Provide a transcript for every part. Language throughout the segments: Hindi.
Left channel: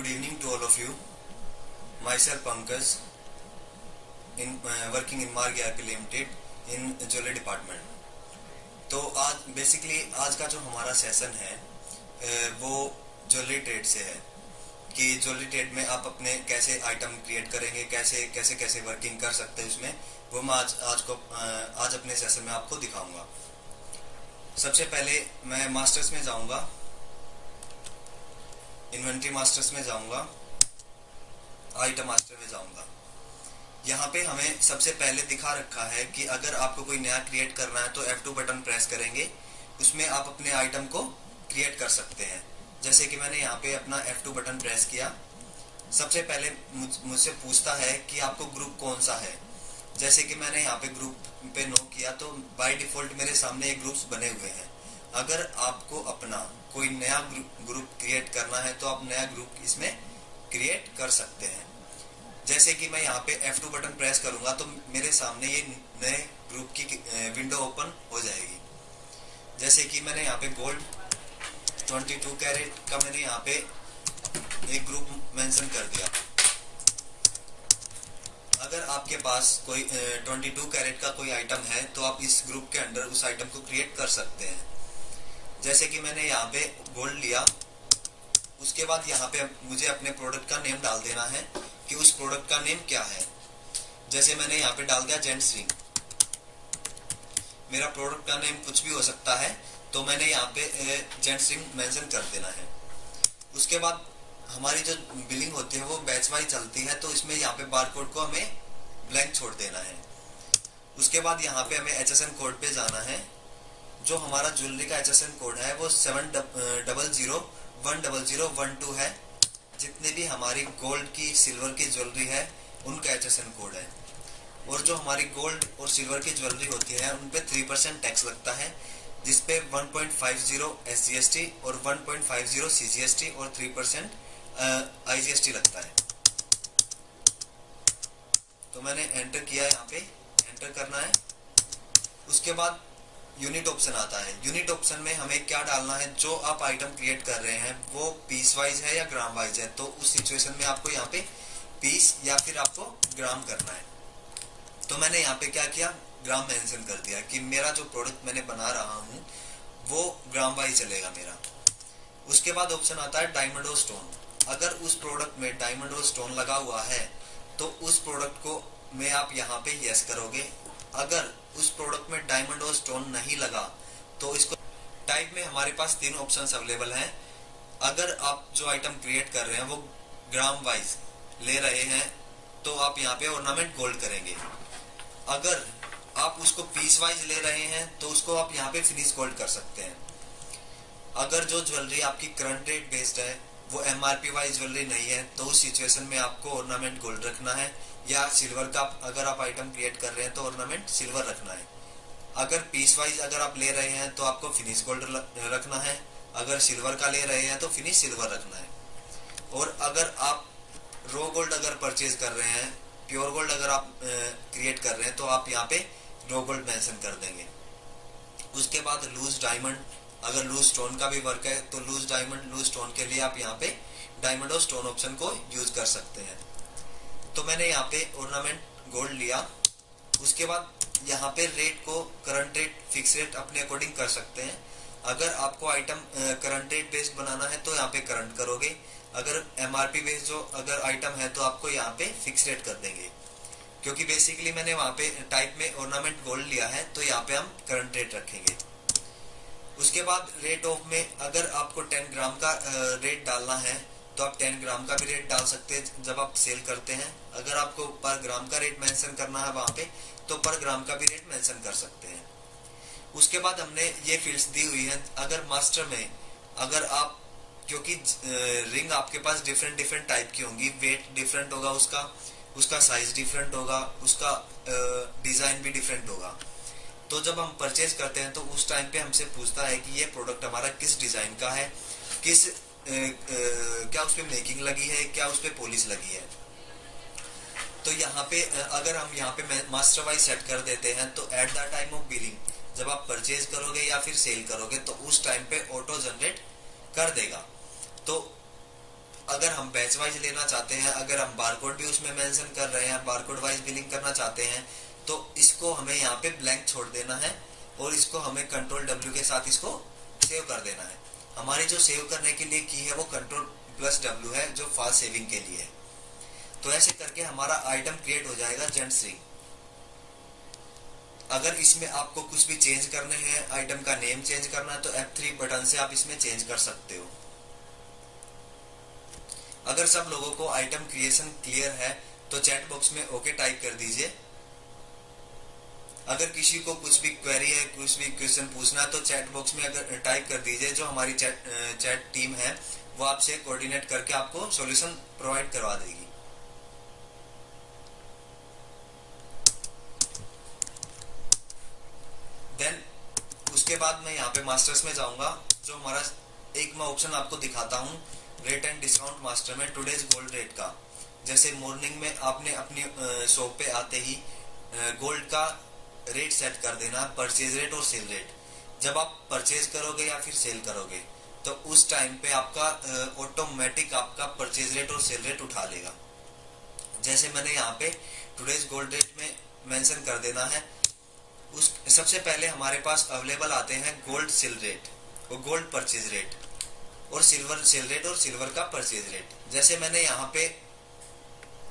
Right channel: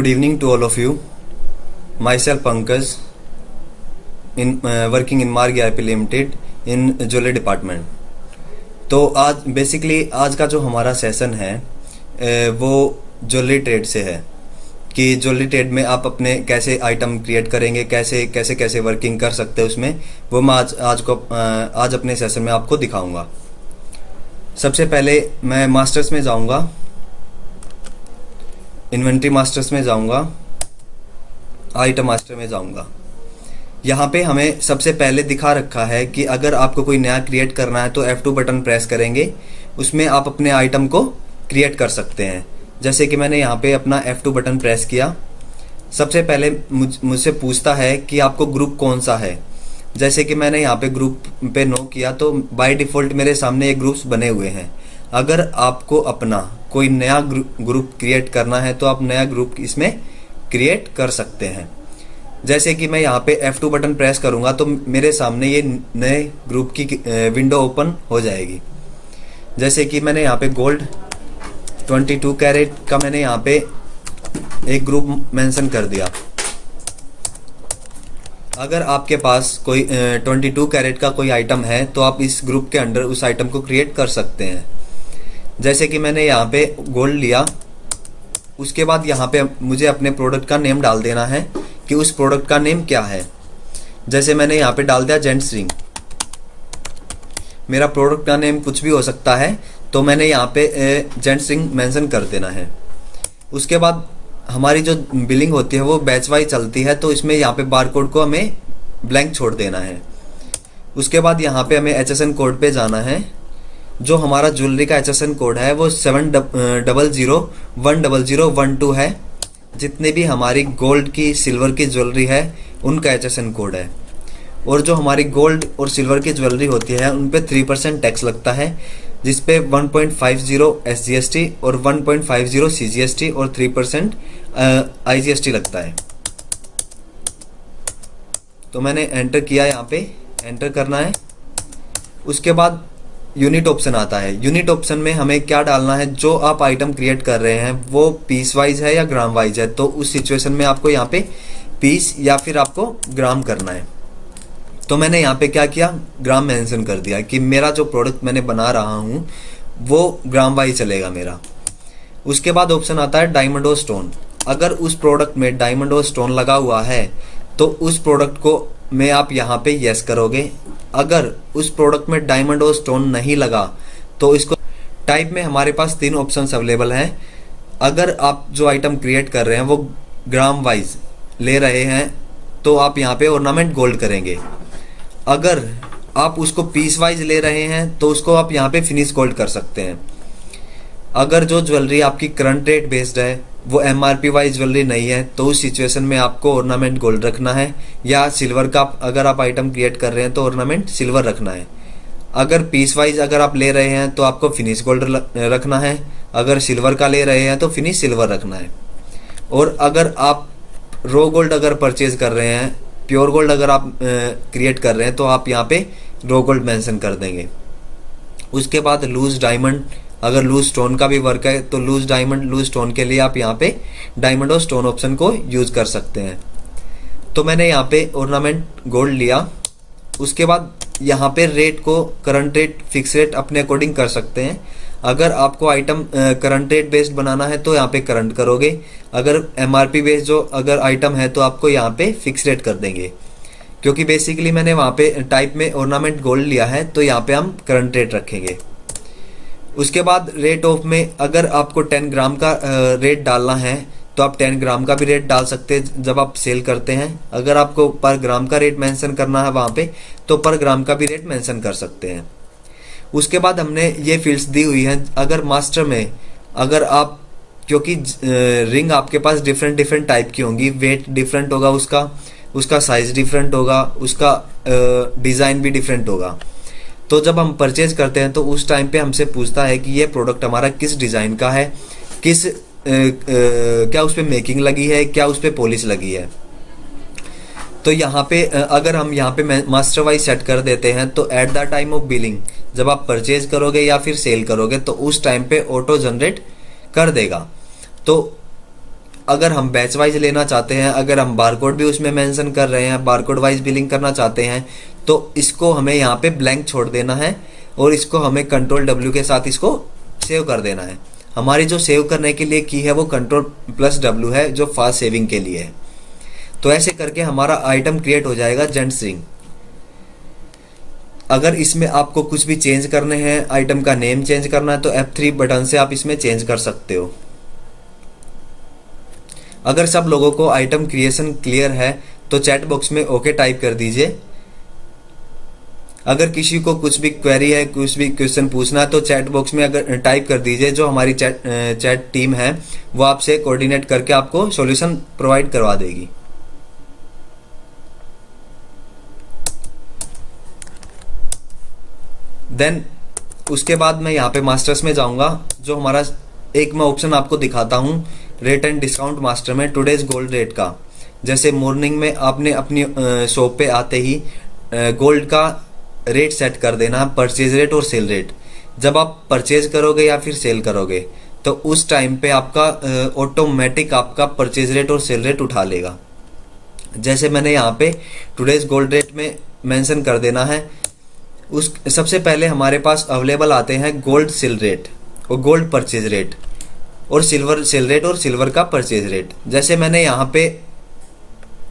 Good evening to all of you. Myself Pankaj, working in Margi IP Limited in jewellery department. तो आज का जो हमारा सेशन है वो ज्वेलरी ट्रेड से है कि ज्वेलरी ट्रेड में आप अपने कैसे आइटम क्रिएट करेंगे, कैसे वर्किंग कर सकते हैं उसमें, वो मैं आज अपने सेशन में आपको दिखाऊंगा। सबसे पहले मैं मास्टर्स में जाऊंगा, इन्वेंट्री मास्टर्स में जाऊंगा, आइटम मास्टर में जाऊंगा। यहाँ पे हमें सबसे पहले दिखा रखा है कि अगर आपको कोई नया क्रिएट करना है तो F2 बटन प्रेस करेंगे, उसमें आप अपने आइटम को क्रिएट कर सकते हैं। जैसे कि मैंने यहाँ पे अपना F2 बटन प्रेस किया। सबसे पहले मुझसे पूछता है कि आपको ग्रुप कौन सा है। जैसे कि मैंने यहाँ पे ग्रुप पे नो किया तो बाय डिफॉल्ट मेरे सामने ये ग्रुप्स बने हुए हैं। अगर आपको अपना कोई नया ग्रुप क्रिएट करना है तो आप नया ग्रुप इसमें क्रिएट कर सकते हैं। जैसे कि मैं यहाँ पे F2 बटन प्रेस करूंगा तो मेरे सामने ये नए ग्रुप की विंडो ओपन हो जाएगी। जैसे कि मैंने यहाँ पे गोल्ड 22 कैरेट का मैंने यहाँ पे एक ग्रुप मेंशन कर दिया। अगर आपके पास कोई 22 कैरेट का कोई आइटम है तो आप इस ग्रुप के अंडर उस आइटम को क्रिएट कर सकते हैं। जैसे कि मैंने यहाँ पे गोल्ड लिया, उसके बाद यहाँ पे मुझे अपने प्रोडक्ट का नेम डाल देना है कि उस प्रोडक्ट का नेम क्या है। जैसे मैंने यहाँ पे डाल दिया जेंट्स रिंग। मेरा प्रोडक्ट का नेम कुछ भी हो सकता है, तो मैंने यहाँ पे जेंट्स रिंग मेंशन कर देना है। उसके बाद हमारी जो बिलिंग होती है वो बैच वाइज चलती है, तो इसमें यहाँ पे बारकोड को हमें ब्लैंक छोड़ देना है। उसके बाद यहाँ पे हमें HSN कोड पे जाना है। जो हमारा ज्वेलरी का HSN कोड है वो 700100012 है। जितने भी हमारी गोल्ड की, सिल्वर की ज्वेलरी है उनका HSN कोड है। और जो हमारी गोल्ड और सिल्वर की ज्वेलरी होती है उन पे 3% टैक्स लगता है, जिसपे 1.50 SGST और 1.50 CGST और 3% IGST लगता है। तो मैंने एंटर किया, यहाँ पे एंटर करना है। उसके बाद यूनिट ऑप्शन आता है। यूनिट ऑप्शन में हमें क्या डालना है, जो आप आइटम क्रिएट कर रहे हैं वो पीस वाइज है या ग्राम वाइज है। तो उस सिचुएशन में आपको यहाँ पे पीस या फिर आपको ग्राम करना है। तो मैंने यहाँ पे क्या किया, ग्राम मेंशन कर दिया कि मेरा जो प्रोडक्ट मैंने बना रहा हूँ वो ग्राम वाइज चलेगा मेरा। उसके बाद ऑप्शन आता है डायमंड और स्टोन। अगर उस प्रोडक्ट में डायमंड और स्टोन लगा हुआ है तो उस प्रोडक्ट को में आप यहाँ पे यस करोगे। अगर उस प्रोडक्ट में डायमंड और स्टोन नहीं लगा तो इसको टाइप में हमारे पास 3 ऑप्शंस अवेलेबल हैं। अगर आप जो आइटम क्रिएट कर रहे हैं वो ग्राम वाइज ले रहे हैं तो आप यहाँ पे ऑर्नामेंट गोल्ड करेंगे। अगर आप उसको पीस वाइज ले रहे हैं तो उसको आप यहाँ पे फिनिश गोल्ड कर सकते हैं। अगर जो ज्वेलरी आपकी करंट रेट बेस्ड है वो MRP वाइज ज्वेलरी नहीं है तो उस सिचुएशन में आपको ऑर्नामेंट गोल्ड रखना है, या सिल्वर का अगर आप आइटम क्रिएट कर रहे हैं तो ऑर्नामेंट सिल्वर रखना है। अगर पीस वाइज अगर आप ले रहे हैं तो आपको फिनिश गोल्ड रखना है। अगर सिल्वर का ले रहे हैं तो फिनिश सिल्वर रखना है। और अगर आप रो गोल्ड अगर परचेज कर रहे हैं, प्योर गोल्ड अगर आप क्रिएट कर रहे हैं तो आप यहाँ पे रो गोल्ड मेंशन कर देंगे। उसके बाद लूज डायमंड, अगर लूज स्टोन का भी वर्क है तो लूज डायमंड, लूज स्टोन के लिए आप यहाँ पे डायमंड और स्टोन ऑप्शन को यूज कर सकते हैं। तो मैंने यहाँ पे ऑर्नामेंट गोल्ड लिया। उसके बाद यहाँ पे रेट को करंट रेट, फिक्स रेट अपने अकॉर्डिंग कर सकते हैं। अगर आपको आइटम करंट रेट बेस्ड बनाना है तो यहाँ पे करंट करोगे। अगर MRP बेस्ड जो अगर आइटम है तो आपको यहाँ पे फिक्स रेट कर देंगे। क्योंकि बेसिकली मैंने वहाँ पे टाइप में ऑर्नामेंट गोल्ड लिया है तो यहाँ पे हम करंट रेट रखेंगे। उसके बाद रेट ऑफ में अगर आपको 10 ग्राम का रेट डालना है तो आप 10 ग्राम का भी रेट डाल सकते हैं जब आप सेल करते हैं। अगर आपको पर ग्राम का रेट मेंशन करना है वहाँ पे तो पर ग्राम का भी रेट मेंशन कर सकते हैं। उसके बाद हमने ये फील्ड्स दी हुई हैं। अगर मास्टर में अगर आप, क्योंकि रिंग आपके पास डिफरेंट टाइप की होंगी, वेट डिफरेंट होगा, उसका साइज डिफरेंट होगा, उसका डिज़ाइन भी डिफरेंट होगा। तो जब हम परचेज करते हैं तो उस टाइम पे हमसे पूछता है कि ये प्रोडक्ट हमारा किस डिज़ाइन का है, क्या उस पर मेकिंग लगी है, क्या उस पर पॉलिश लगी है। तो यहाँ पे अगर हम यहाँ पे मास्टर वाइज सेट कर देते हैं तो at the time of billing जब आप परचेज करोगे या फिर सेल करोगे तो उस टाइम पे ऑटो जनरेट कर देगा। तो अगर हम बैच वाइज लेना चाहते हैं, अगर हम बारकोड भी उसमें मेंशन कर रहे हैं, बारकोड वाइज बिलिंग करना चाहते हैं, तो इसको हमें यहाँ पे ब्लैंक छोड़ देना है और इसको हमें कंट्रोल W के साथ इसको सेव कर देना है। हमारी जो सेव करने के लिए की है वो कंट्रोल+W है, जो फास्ट सेविंग के लिए है। तो ऐसे करके हमारा आइटम क्रिएट हो जाएगा जेंट्स रिंग। अगर इसमें आपको कुछ भी चेंज करने हैं, आइटम का नेम चेंज करना है, तो F3 बटन से आप इसमें चेंज कर सकते हो। अगर सब लोगों को आइटम क्रिएशन क्लियर है तो चैट बॉक्स में ओके टाइप कर दीजिए। अगर किसी को कुछ भी क्वेरी है, कुछ भी क्वेश्चन पूछना है, तो चैट बॉक्स में अगर टाइप कर दीजिए। जो हमारी चैट टीम है वो आपसे कोऑर्डिनेट करके आपको सॉल्यूशन प्रोवाइड करवा देगी। देन उसके बाद मैं यहाँ पे मास्टर्स में जाऊंगा। जो हमारा एक मैं ऑप्शन आपको दिखाता हूँ रेट एंड डिस्काउंट मास्टर में, टुडेज गोल्ड रेट का। जैसे मॉर्निंग में आपने अपनी शॉप पे आते ही गोल्ड का रेट सेट कर देना, परचेज रेट और सेल रेट। जब आप परचेज करोगे या फिर सेल करोगे तो उस टाइम पे आपका ऑटोमेटिक आपका परचेज रेट और सेल रेट उठा लेगा। जैसे मैंने यहाँ पे टुडेज गोल्ड रेट में मेंशन कर देना है। उस सबसे पहले हमारे पास अवेलेबल आते हैं गोल्ड सेल रेट और गोल्ड परचेज रेट और सिल्वर सेल रेट और सिल्वर का परचेज रेट। जैसे मैंने यहाँ पे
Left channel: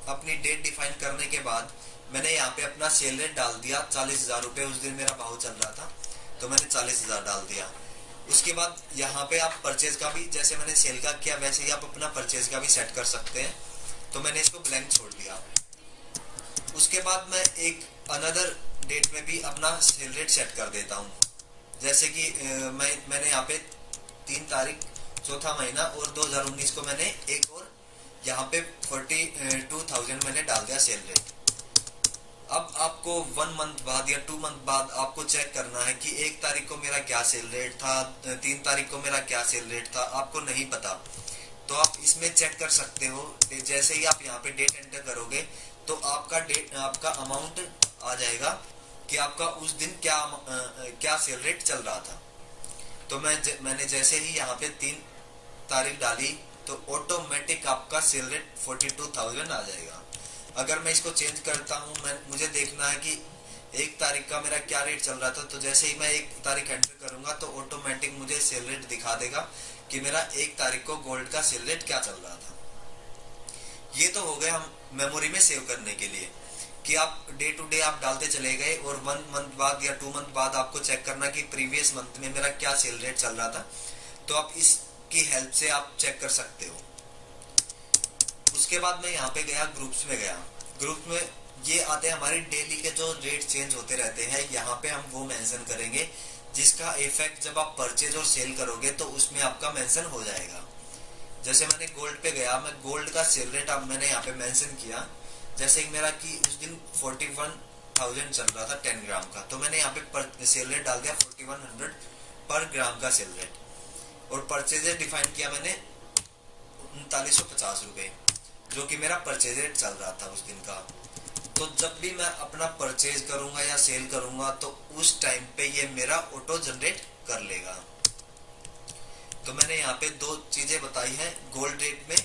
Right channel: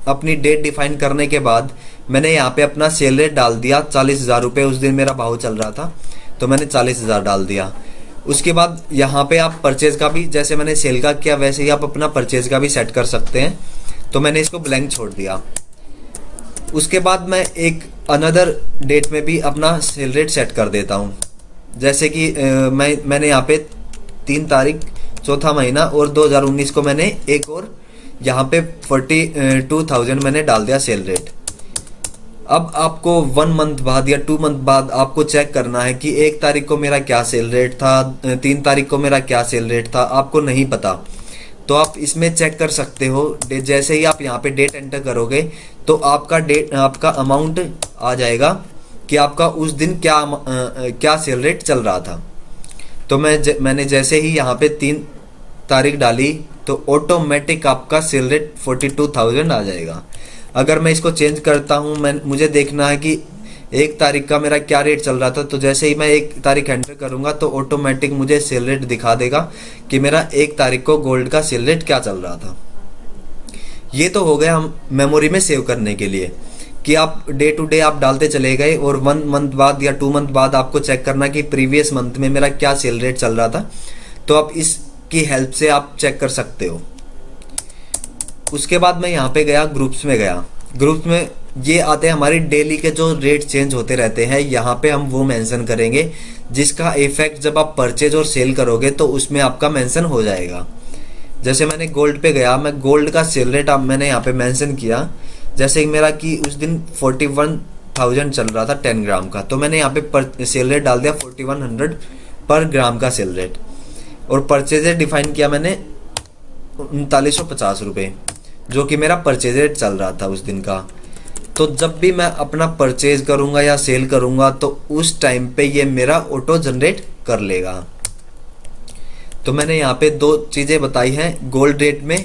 अपनी डेट डिफाइन करने के बाद मैंने यहाँ पे अपना सेल रेट डाल दिया 40,000 रुपये। उस दिन मेरा भाव चल रहा था तो मैंने 40,000 डाल दिया। उसके बाद यहाँ पे आप परचेज का भी, जैसे मैंने सेल का किया वैसे ही आप अपना परचेज का भी सेट कर सकते हैं। तो मैंने इसको ब्लैंक छोड़ दिया। उसके बाद मैं एक अनदर डेट में भी अपना सेल रेट सेट कर देता हूँ। जैसे कि मैंने यहाँ पे 3 तारीख चौथा महीना और 2019 को मैंने एक और यहाँ पे 42,000 मैंने डाल दिया सेल रेट। अब आपको 1 मंथ बाद या 2 मंथ बाद आपको चेक करना है कि 1 तारीख को मेरा क्या सेल रेट था, 3 तारीख को मेरा क्या सेल रेट था, आपको नहीं पता। तो आप इसमें चेक कर सकते हो। जैसे ही आप यहाँ पे डेट एंटर करोगे तो आपका अमाउंट आ जाएगा कि आपका उस दिन क्या सेल रेट चल रहा था। तो मैंने जैसे ही यहाँ पे 3 तारीख डाली तो ऑटोमेटिक आपका सेल रेट 42,000 आ जाएगा। अगर मैं इसको चेंज करता हूँ, मुझे देखना है कि 1 तारीख का मेरा क्या रेट चल रहा था, तो जैसे ही मैं 1 तारीख एंटर करूंगा तो ऑटोमेटिक मुझे सेल रेट दिखा देगा कि मेरा 1 तारीख को गोल्ड का सेल रेट क्या चल रहा था। ये तो हो गया हम मेमोरी में सेव करने के लिए कि आप डे टू डे आप डालते चले गए और 1 मंथ बाद या 2 मंथ बाद आपको चेक करना कि प्रीवियस मंथ में मेरा क्या सेल रेट चल रहा था। तो आप इसकी हेल्प से आप चेक कर सकते हो। उसके बाद मैं यहाँ पे गया, ग्रुप्स में गया। ग्रुप्स में ये आते हैं हमारी डेली के जो रेट चेंज होते रहते हैं। यहाँ पे हम वो मेंशन करेंगे जिसका इफेक्ट जब आप परचेज और सेल करोगे तो उसमें आपका मेंशन हो जाएगा। जैसे मैंने गोल्ड पे गया, मैं गोल्ड का सेल रेट मैंने यहाँ पे मेंशन किया। जैसे मेरा कि उस दिन 41,000 चल रहा था 10 ग्राम का, तो मैंने यहाँ पे सेल रेट डाल दिया 4100 पर ग्राम का सेल रेट। और परचेज रेट डिफाइन किया मैंने 3950 रुपये, जो कि मेरा परचेज रेट चल रहा था उस दिन का। तो जब भी मैं अपना परचेज करूंगा या सेल करूंगा तो उस टाइम पे ये मेरा ऑटो जनरेट कर लेगा। तो मैंने यहाँ पे 2 चीजें बताई हैं। गोल्ड रेट में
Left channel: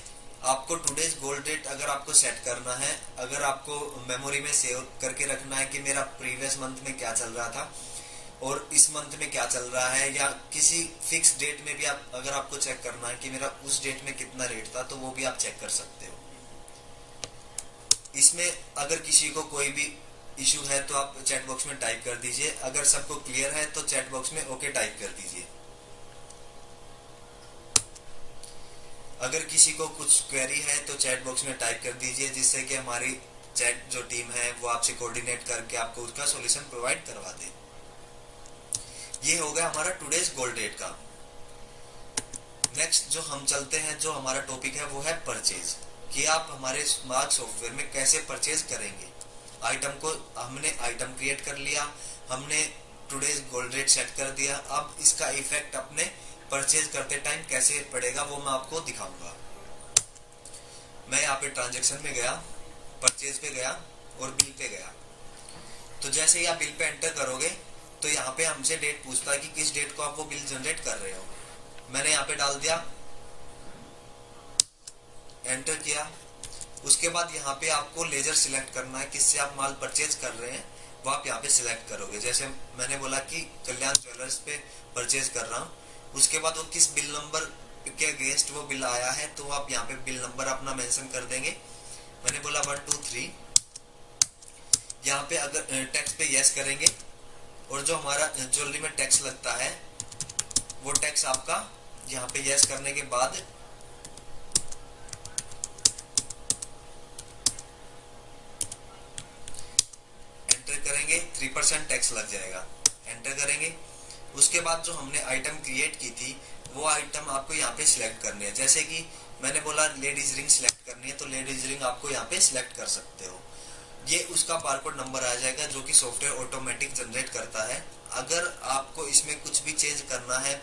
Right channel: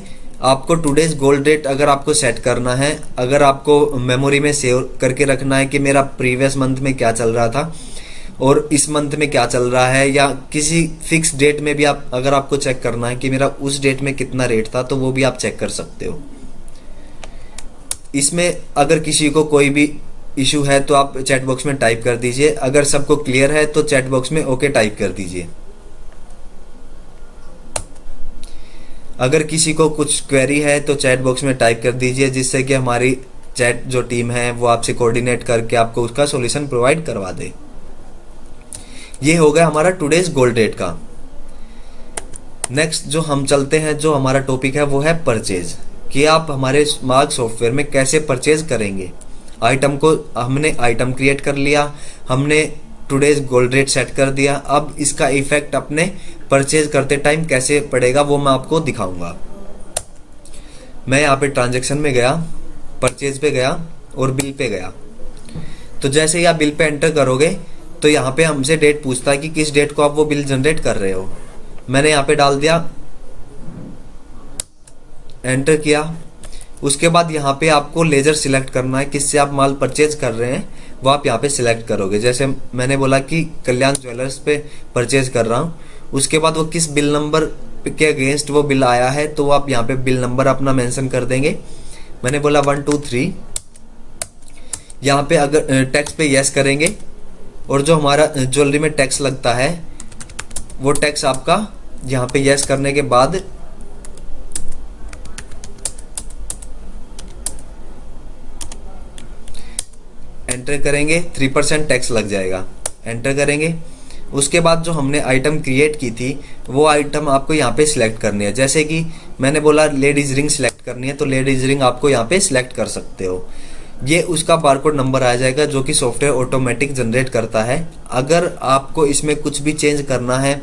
आपको टुडेज गोल्ड रेट अगर आपको सेट करना है, अगर आपको मेमोरी में सेव करके रखना है कि मेरा प्रीवियस मंथ में क्या चल रहा था और इस मंथ में क्या चल रहा है, या किसी फिक्स डेट में भी आप अगर आपको चेक करना है कि मेरा उस डेट में कितना रेट था, तो वो भी आप चेक कर सकते हो। इसमें अगर किसी को कोई भी इशू है तो आप चैट बॉक्स में टाइप कर दीजिए। अगर सबको क्लियर है तो चैट बॉक्स में ओके टाइप कर दीजिए। अगर किसी को कुछ क्वेरी है तो चैट बॉक्स में टाइप कर दीजिए, जिससे कि हमारी चैट जो टीम है वो आपसे कोऑर्डिनेट करके आपको उसका सॉल्यूशन प्रोवाइड करवा दे। ये हो गया हमारा टुडेज गोल्ड रेट का। नेक्स्ट जो हम चलते हैं, जो हमारा टॉपिक है वो है परचेज, कि आप हमारे स्मार्ट सॉफ्टवेयर में कैसे परचेज करेंगे। आइटम को हमने आइटम क्रिएट कर लिया, हमने टुडेज गोल्ड रेट सेट कर दिया। अब इसका इफेक्ट अपने परचेज करते टाइम कैसे पड़ेगा वो मैं आपको दिखाऊंगा। मैं यहाँ पे ट्रांजैक्शन में गया, परचेज पे गया और बिल पे गया। तो जैसे ही आप बिल पे एंटर करोगे तो यहाँ पे हमसे डेट पूछता है कि किस डेट को आप वो बिल जनरेट कर रहे हो। मैंने यहाँ पे डाल दिया एंटर किया। उसके बाद यहाँ पे आपको लेजर सिलेक्ट करना है, किससे आप माल परचेज कर रहे हैं वो आप यहाँ पे सिलेक्ट करोगे। जैसे मैंने बोला कि कल्याण ज्वेलर्स पे परचेज कर रहा हूँ। उसके बाद वो किस बिल नंबर के अगेंस्ट वो बिल आया है तो आप यहाँ पे बिल नंबर अपना मेंशन कर देंगे। मैंने बोला 123। यहाँ पे अगर टैक्स पे यस करेंगे और जो हमारा ज्वेलरी में टैक्स लगता है वो टैक्स आपका यहाँ पे यस करने के बाद एंटर करेंगे, 3% टैक्स लग जाएगा। एंटर करेंगे। उसके बाद जो हमने आइटम क्रिएट की थी वो आइटम आपको यहाँ पे सिलेक्ट करनी है। जैसे कि मैंने बोला लेडीज रिंग सिलेक्ट करनी है तो लेडीज रिंग आपको यहाँ पे सिलेक्ट कर सकते हो। ये उसका बारकोड नंबर आ जाएगा जो कि सॉफ्टवेयर ऑटोमेटिक जनरेट करता है। अगर आपको इसमें कुछ भी चेंज करना है,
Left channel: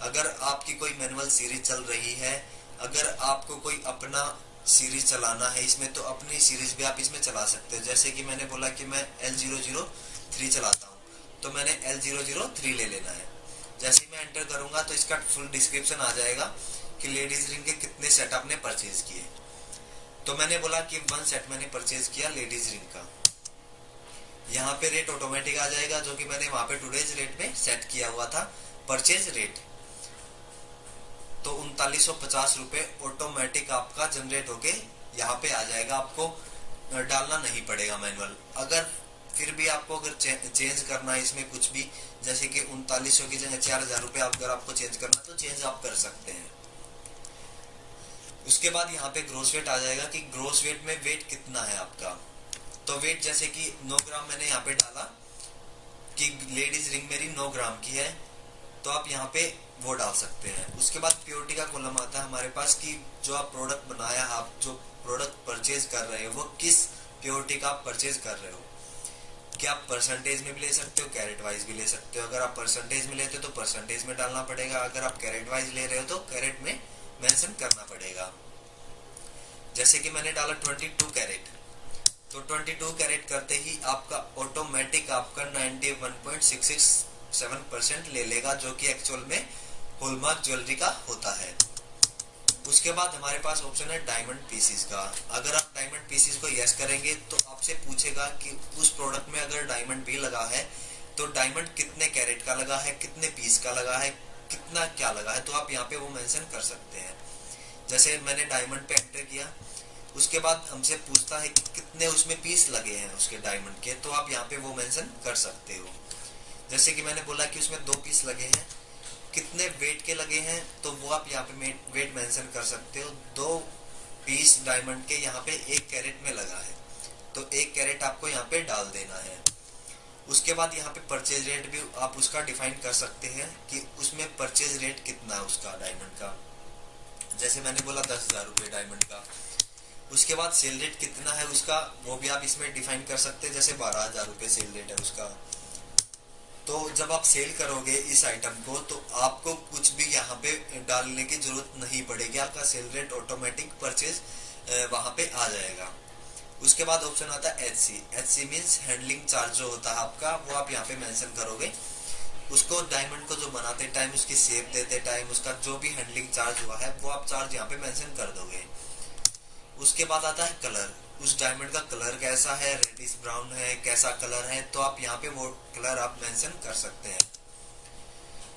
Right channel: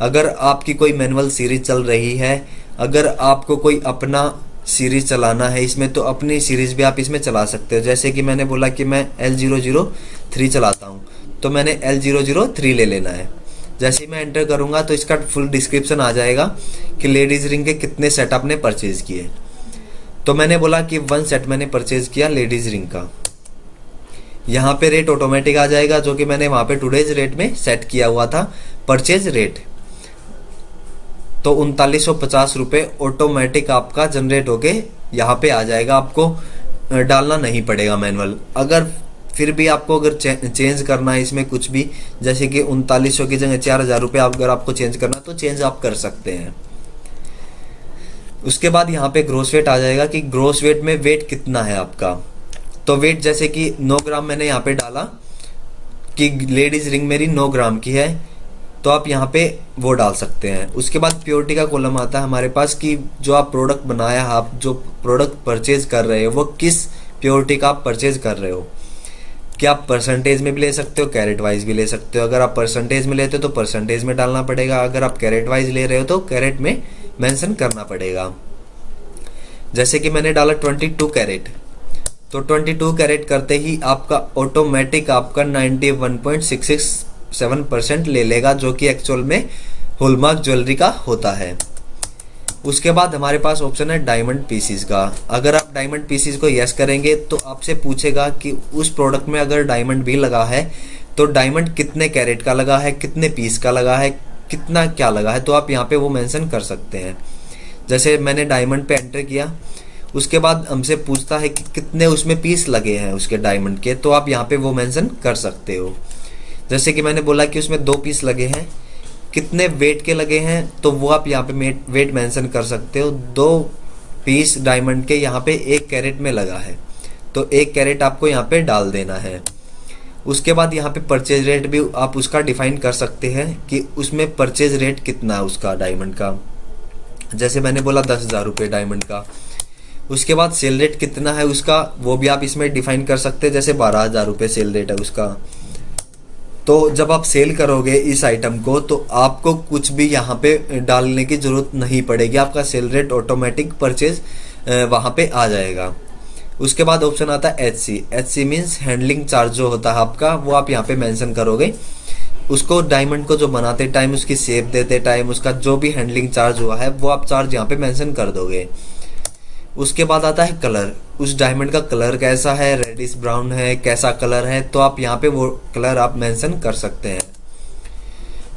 अगर आपकी कोई मैनुअल सीरीज चल रही है, अगर आपको कोई अपना सीरीज चलाना है इसमें तो अपनी सीरीज भी आप इसमें चला सकते हो। जैसे कि मैंने बोला कि मैं L003 चलाता हूँ तो मैंने L003 ले लेना है। जैसे ही मैं एंटर करूंगा तो इसका फुल डिस्क्रिप्शन आ जाएगा कि लेडीज रिंग के कितने सेट आपने परचेज किए। तो मैंने बोला कि 1 सेट मैंने परचेज किया लेडीज रिंग का। यहाँ पे रेट ऑटोमेटिक आ जाएगा जो कि मैंने वहां पे टुडेज रेट में सेट किया हुआ था परचेज रेट। तो 3950 रुपये ऑटोमेटिक आपका जनरेट होके यहाँ पे आ जाएगा, आपको डालना नहीं पड़ेगा मैनुअल। अगर फिर भी आपको अगर चेंज करना है इसमें कुछ भी, जैसे कि 3900 की जगह 4000 रुपये अगर आपको चेंज करना तो चेंज आप कर सकते हैं। उसके बाद यहाँ पे ग्रोस वेट आ जाएगा कि ग्रोस वेट में वेट कितना है आपका। तो वेट जैसे कि 9 ग्राम मैंने यहाँ पे डाला कि लेडीज रिंग मेरी 9 ग्राम की है तो आप यहाँ पे वो डाल सकते हैं। उसके बाद प्योरिटी का कॉलम आता है हमारे पास कि जो आप प्रोडक्ट बनाया, आप जो प्रोडक्ट परचेज कर रहे हो वो किस प्योरिटी का आप परचेज कर रहे हो। क्या आप परसेंटेज में भी ले सकते हो, कैरेट वाइज भी ले सकते हो। अगर आप परसेंटेज में लेते हो तो परसेंटेज में डालना पड़ेगा, अगर आप कैरेट वाइज ले रहे हो तो कैरेट में मेंशन करना पड़ेगा। जैसे कि मैंने डाला 22 कैरेट तो 22 कैरेट करते ही आपका ऑटोमेटिक आपका 91.667% ले लेगा जो कि एक्चुअल में हॉलमार्क ज्वेलरी का होता है। उसके बाद हमारे पास ऑप्शन है डायमंड पीसीज का। अगर आप डायमंड पीसीज को यस करेंगे तो आपसे पूछेगा कि उस प्रोडक्ट में अगर डायमंड भी लगा है तो डायमंड कितने कैरेट का लगा है, कितने पीस का लगा है, कितना क्या लगा है, तो आप यहाँ पे वो मेंशन कर सकते हैं। जैसे मैंने डायमंड पे एंटर किया, उसके बाद हमसे पूछता है कि कितने उसमें पीस लगे हैं उसके डायमंड के, तो आप यहाँ पे वो मेंशन कर सकते हो। जैसे कि मैंने बोला कि उसमें 2 पीस लगे हैं, कितने वेट के लगे हैं तो वो आप यहाँ पे वेट मेंशन कर सकते हो। 2 पीस डायमंड के यहाँ पे 1 कैरेट में लगा है तो 1 कैरेट आपको यहाँ पे डाल देना है। उसके बाद यहाँ पे परचेज रेट भी आप उसका डिफाइन कर सकते हैं कि उसमें परचेज रेट कितना है उसका डायमंड का। जैसे मैंने बोला 10,000 रुपये डायमंड का। उसके बाद सेल रेट कितना है उसका वो भी आप इसमें डिफाइन कर सकते हैं। जैसे 12,000 रुपये सेल रेट है उसका। तो जब आप सेल करोगे इस आइटम को तो आपको कुछ भी यहाँ पे डालने की जरूरत नहीं पड़ेगी, आपका सेल रेट ऑटोमेटिक परचेज वहां पे आ जाएगा। उसके बाद ऑप्शन आता है HC मीन्स हैंडलिंग चार्ज जो होता है आपका वो आप यहाँ पे मेंशन करोगे। उसको डायमंड को जो बनाते टाइम, उसकी शेप देते टाइम, उसका जो भी हैंडलिंग चार्ज हुआ है वो आप चार्ज यहाँ पे मेंशन कर दोगे। उसके बाद आता है कलर, उस डायमंड का कलर कैसा है, रेडिश ब्राउन है, कैसा कलर है, तो आप यहाँ पे वो कलर आप मेंशन कर सकते हैं।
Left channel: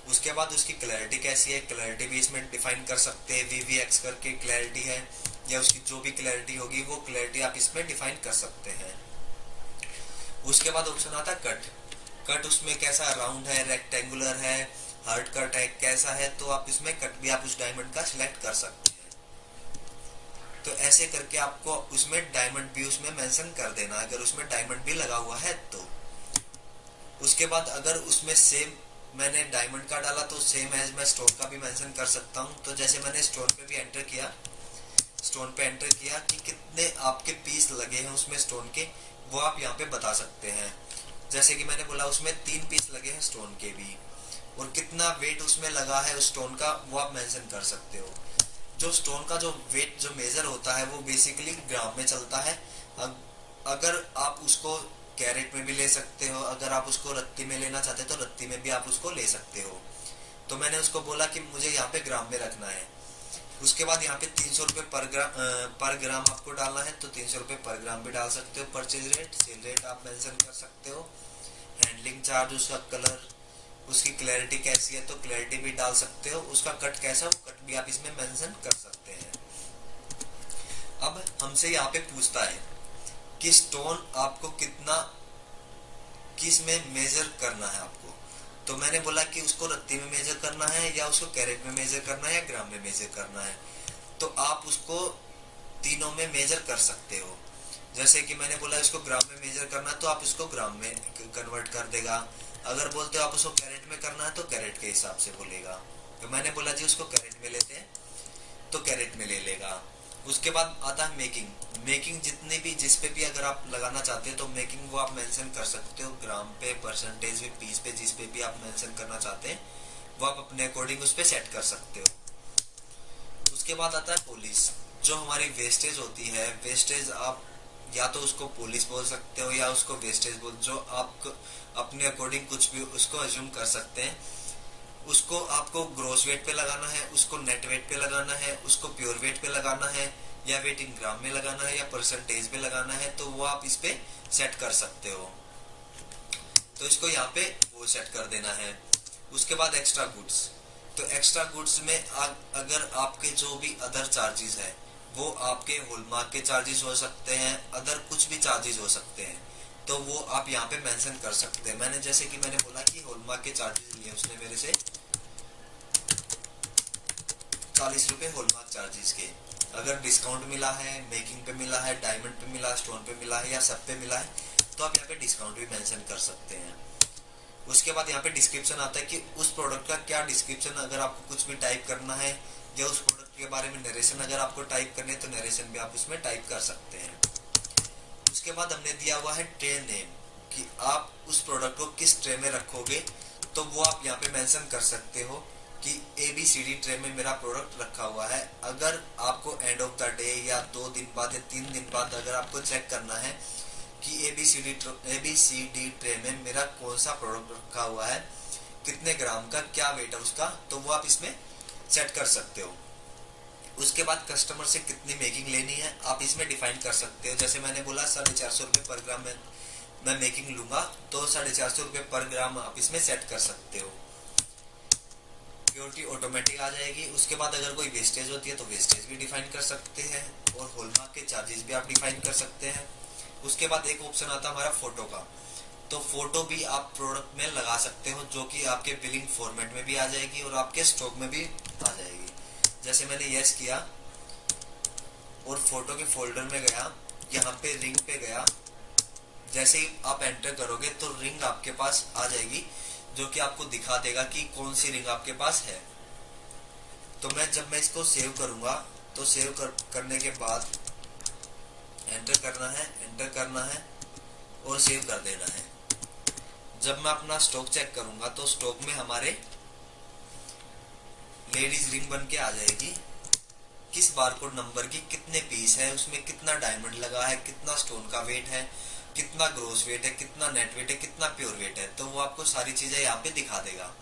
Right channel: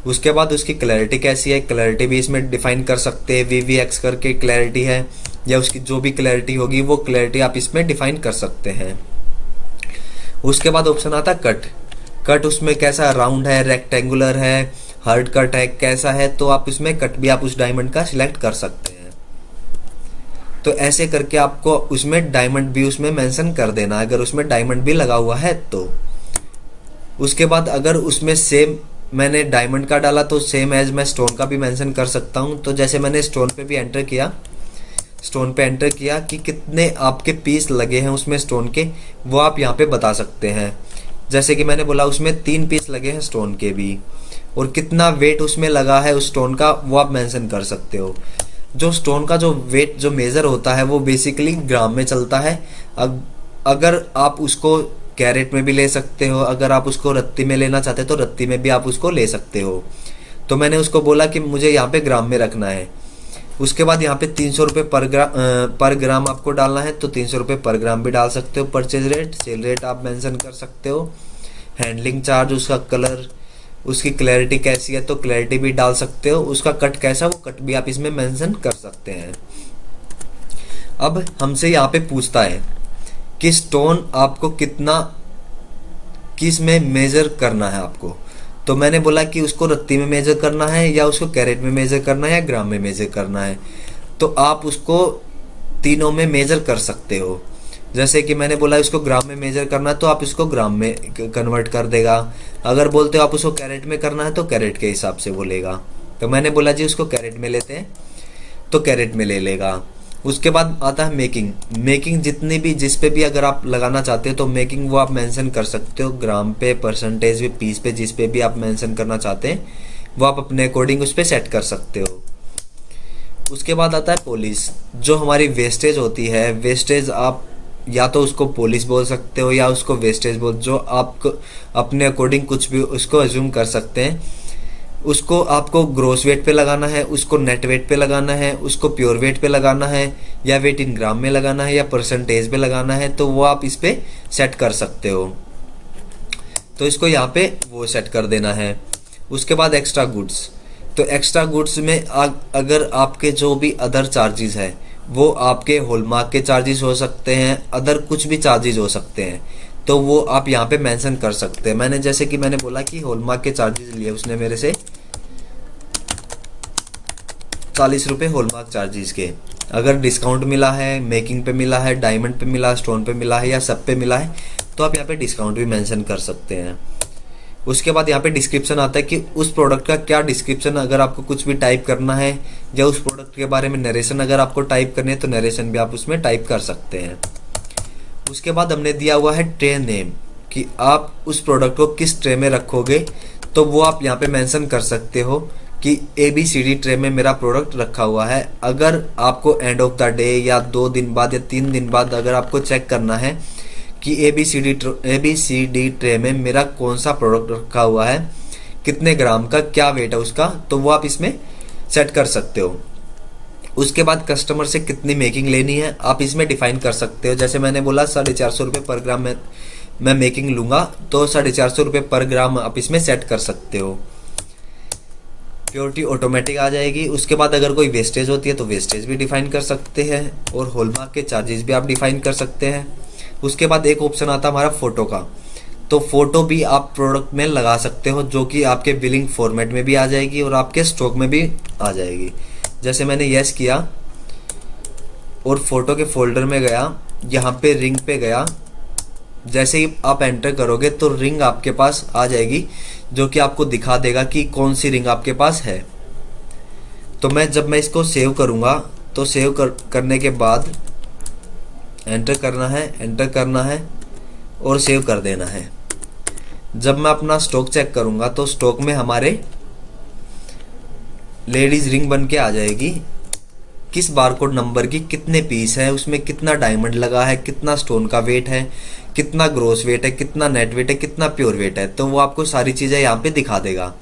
उसके बाद उसकी क्लैरिटी कैसी है, क्लैरिटी भी इसमें डिफाइन कर सकते हैं। VVX करके क्लैरिटी है या उसकी जो भी क्लैरिटी होगी वो क्लैरिटी आप इसमें डिफाइन कर सकते हैं। उसके बाद ऑप्शन आता है कट उसमें कैसा राउंड है, रेक्टेंगुलर है, हार्ड कट है, कैसा है, तो आप इसमें कट भी आप उस डायमंड का सिलेक्ट कर सकते हैं। तो ऐसे करके आपको उसमें डायमंड भी उसमें मेंशन कर देना अगर उसमें डायमंड भी लगा हुआ है तो। उसके बाद अगर उसमें सेम मैंने डायमंड का डाला तो सेम एज मैं स्टोन का भी मेंशन कर सकता हूं। तो जैसे मैंने स्टोन पे भी एंटर किया, स्टोन पे एंटर किया कि कितने आपके पीस लगे हैं उसमें स्टोन के वो आप यहाँ पे बता सकते हैं। जैसे कि मैंने बोला उसमें 3 पीस लगे हैं स्टोन के भी, और कितना वेट उसमें लगा है उस स्टोन का वो आप मेंशन कर सकते हो। जो स्टोन का जो वेट जो मेजर होता है वो बेसिकली ग्राम में चलता है। अगर आप उसको कैरेट में भी ले सकते हो, अगर आप उसको रत्ती में लेना चाहते हो तो रत्ती में भी आप उसको ले सकते हो। तो मैंने उसको बोला कि मुझे यहाँ पे ग्राम में रखना है। उसके बाद यहाँ पे 300 रुपये पर ग्राम आपको डालना है, तो 300 रुपये पर ग्राम भी डाल सकते हो। परचेज रेट, सेल रेट आप मेंशन कर सकते हो। हैंडलिंग चार्ज, उसका कलर, उसकी क्लैरिटी कैसी है तो क्लैरिटी भी डाल सकते हो। उसका कट कैसा, वो कट भी आप इसमें मेंशन कर सकते हैं। अब हमसे यहाँ पे पूछता है कि स्टोन आपको कितना, किस में मेजर करना है आपको। तो मैंने बोला कि उसको रत्ती में मेजर करना है, या उसको कैरेट में मेजर करना है, या ग्राम में मेजर करना है। तो आप उसको तीनों में मेजर कर सकते हो। जैसे कि मैंने बोला उसको ग्राम में मेजर करना है, तो आप इसको ग्राम में कन्वर्ट कर देगा। अगर बोलते हो आप उसको कैरेट में करना है तो कैरेट के हिसाब से बोलेगा। तो मैंने बोला जी उसको कैरेट में लेते हैं, तो कैरेट में ले लेगा। उसके बाद आता है मेकिंग। मेकिंग जितनी भी, जिस पे भी अगर आप लगाना चाहते हो तो मेकिंग वो आप मेंशन कर सकते हो, ग्राम पे, परसेंटेज पे, पीस पे, जिस पे भी आप मेंशन करना चाहते हैं वो आप अपने अकॉर्डिंग उस पे सेट कर सकते हो। उसके बाद आता है पॉलिश। जो हमारी वेस्टेज होती है, वेस्टेज आप या तो उसको पॉलिश बोल सकते हो या उसको वेस्टेज बोल, जो आप अपने अकॉर्डिंग कुछ भी उसको अज्यूम कर सकते हैं। उसको आपको ग्रोस वेट पे लगाना है, उसको नेट वेट पे लगाना है, उसको प्योर वेट पे लगाना है, या वेट इन ग्राम में लगाना है, या परसेंटेज पे लगाना है, तो वो आप इस पे सेट कर सकते हो। तो इसको यहाँ पे वो सेट कर देना है। उसके बाद एक्स्ट्रा गुड्स। तो एक्स्ट्रा गुड्स में अगर आपके जो भी अदर चार्जेस है वो आपके हॉलमार्क के चार्जेस हो सकते हैं, अदर कुछ भी चार्जेस हो सकते हैं, तो वो आप यहाँ पे मेंशन कर सकते हैं। मैंने जैसे कि मैंने बोला कि हॉलमार्क के चार्जेस लिए उसने मेरे से 40 रुपये हॉलमार्क चार्जेस के। अगर डिस्काउंट मिला है, मेकिंग पे मिला है, डायमंड पे मिला, स्टोन पे मिला है, या सब पे मिला है, तो आप यहाँ पे डिस्काउंट भी मेंशन कर सकते हैं। उसके बाद यहाँ पे डिस्क्रिप्शन आता है कि उस प्रोडक्ट का क्या डिस्क्रिप्शन, अगर आपको कुछ भी टाइप करना है या उस प्रोडक्ट के बारे में नरेशन अगर आपको टाइप करनी है तो नरेशन भी आप उसमें टाइप कर सकते हैं। उसके बाद हमने दिया हुआ है ट्रे नेम, कि आप उस प्रोडक्ट को किस ट्रे में रखोगे, तो वो आप यहाँ पे मेंशन कर सकते हो कि ABCD ट्रे में मेरा प्रोडक्ट रखा हुआ है। अगर आपको एंड ऑफ द डे या 2 दिन बाद या 3 दिन बाद अगर आपको चेक करना है कि ABCD ट्रे में मेरा कौन सा प्रोडक्ट रखा हुआ है, कितने ग्राम का, क्या वेट है उसका, तो वो आप इसमें सेट कर सकते हो। उसके बाद कस्टमर से कितनी मेकिंग लेनी है आप इसमें डिफाइन कर सकते हो। जैसे मैंने बोला 450 रुपये पर ग्राम में मैं मेकिंग लूंगा, तो 450 रुपये पर ग्राम आप इसमें सेट कर सकते हो। प्योरिटी ऑटोमेटिक आ जाएगी। उसके बाद अगर कोई वेस्टेज होती है तो वेस्टेज भी डिफाइन कर सकते हैं, और हॉलमार्क के चार्जेस भी आप डिफाइन कर सकते हैं। उसके बाद एक ऑप्शन आता है हमारा फोटो का। तो फोटो भी आप प्रोडक्ट में लगा सकते हो, जो कि आपके बिलिंग फॉर्मेट में भी आ जाएगी और आपके स्टॉक में भी आ जाएगी। जैसे मैंने यस किया और फोटो के फोल्डर में गया, यहाँ पे रिंग पे गया, जैसे ही आप एंटर करोगे तो रिंग आपके पास आ जाएगी, जो कि आपको दिखा देगा कि कौन सी रिंग आपके पास है। तो जब मैं इसको सेव करूँगा तो करने के बाद एंटर करना है और सेव कर देना है। जब मैं अपना स्टॉक चेक करूंगा तो स्टॉक में हमारे लेडीज रिंग बन के आ जाएगी, किस बारकोड नंबर की, कितने पीस है, उसमें कितना डायमंड लगा है, कितना स्टोन का वेट है, कितना ग्रोस वेट है, कितना नेट वेट है, कितना प्योर वेट है, तो वो आपको सारी चीज़ें यहाँ पे दिखा देगा।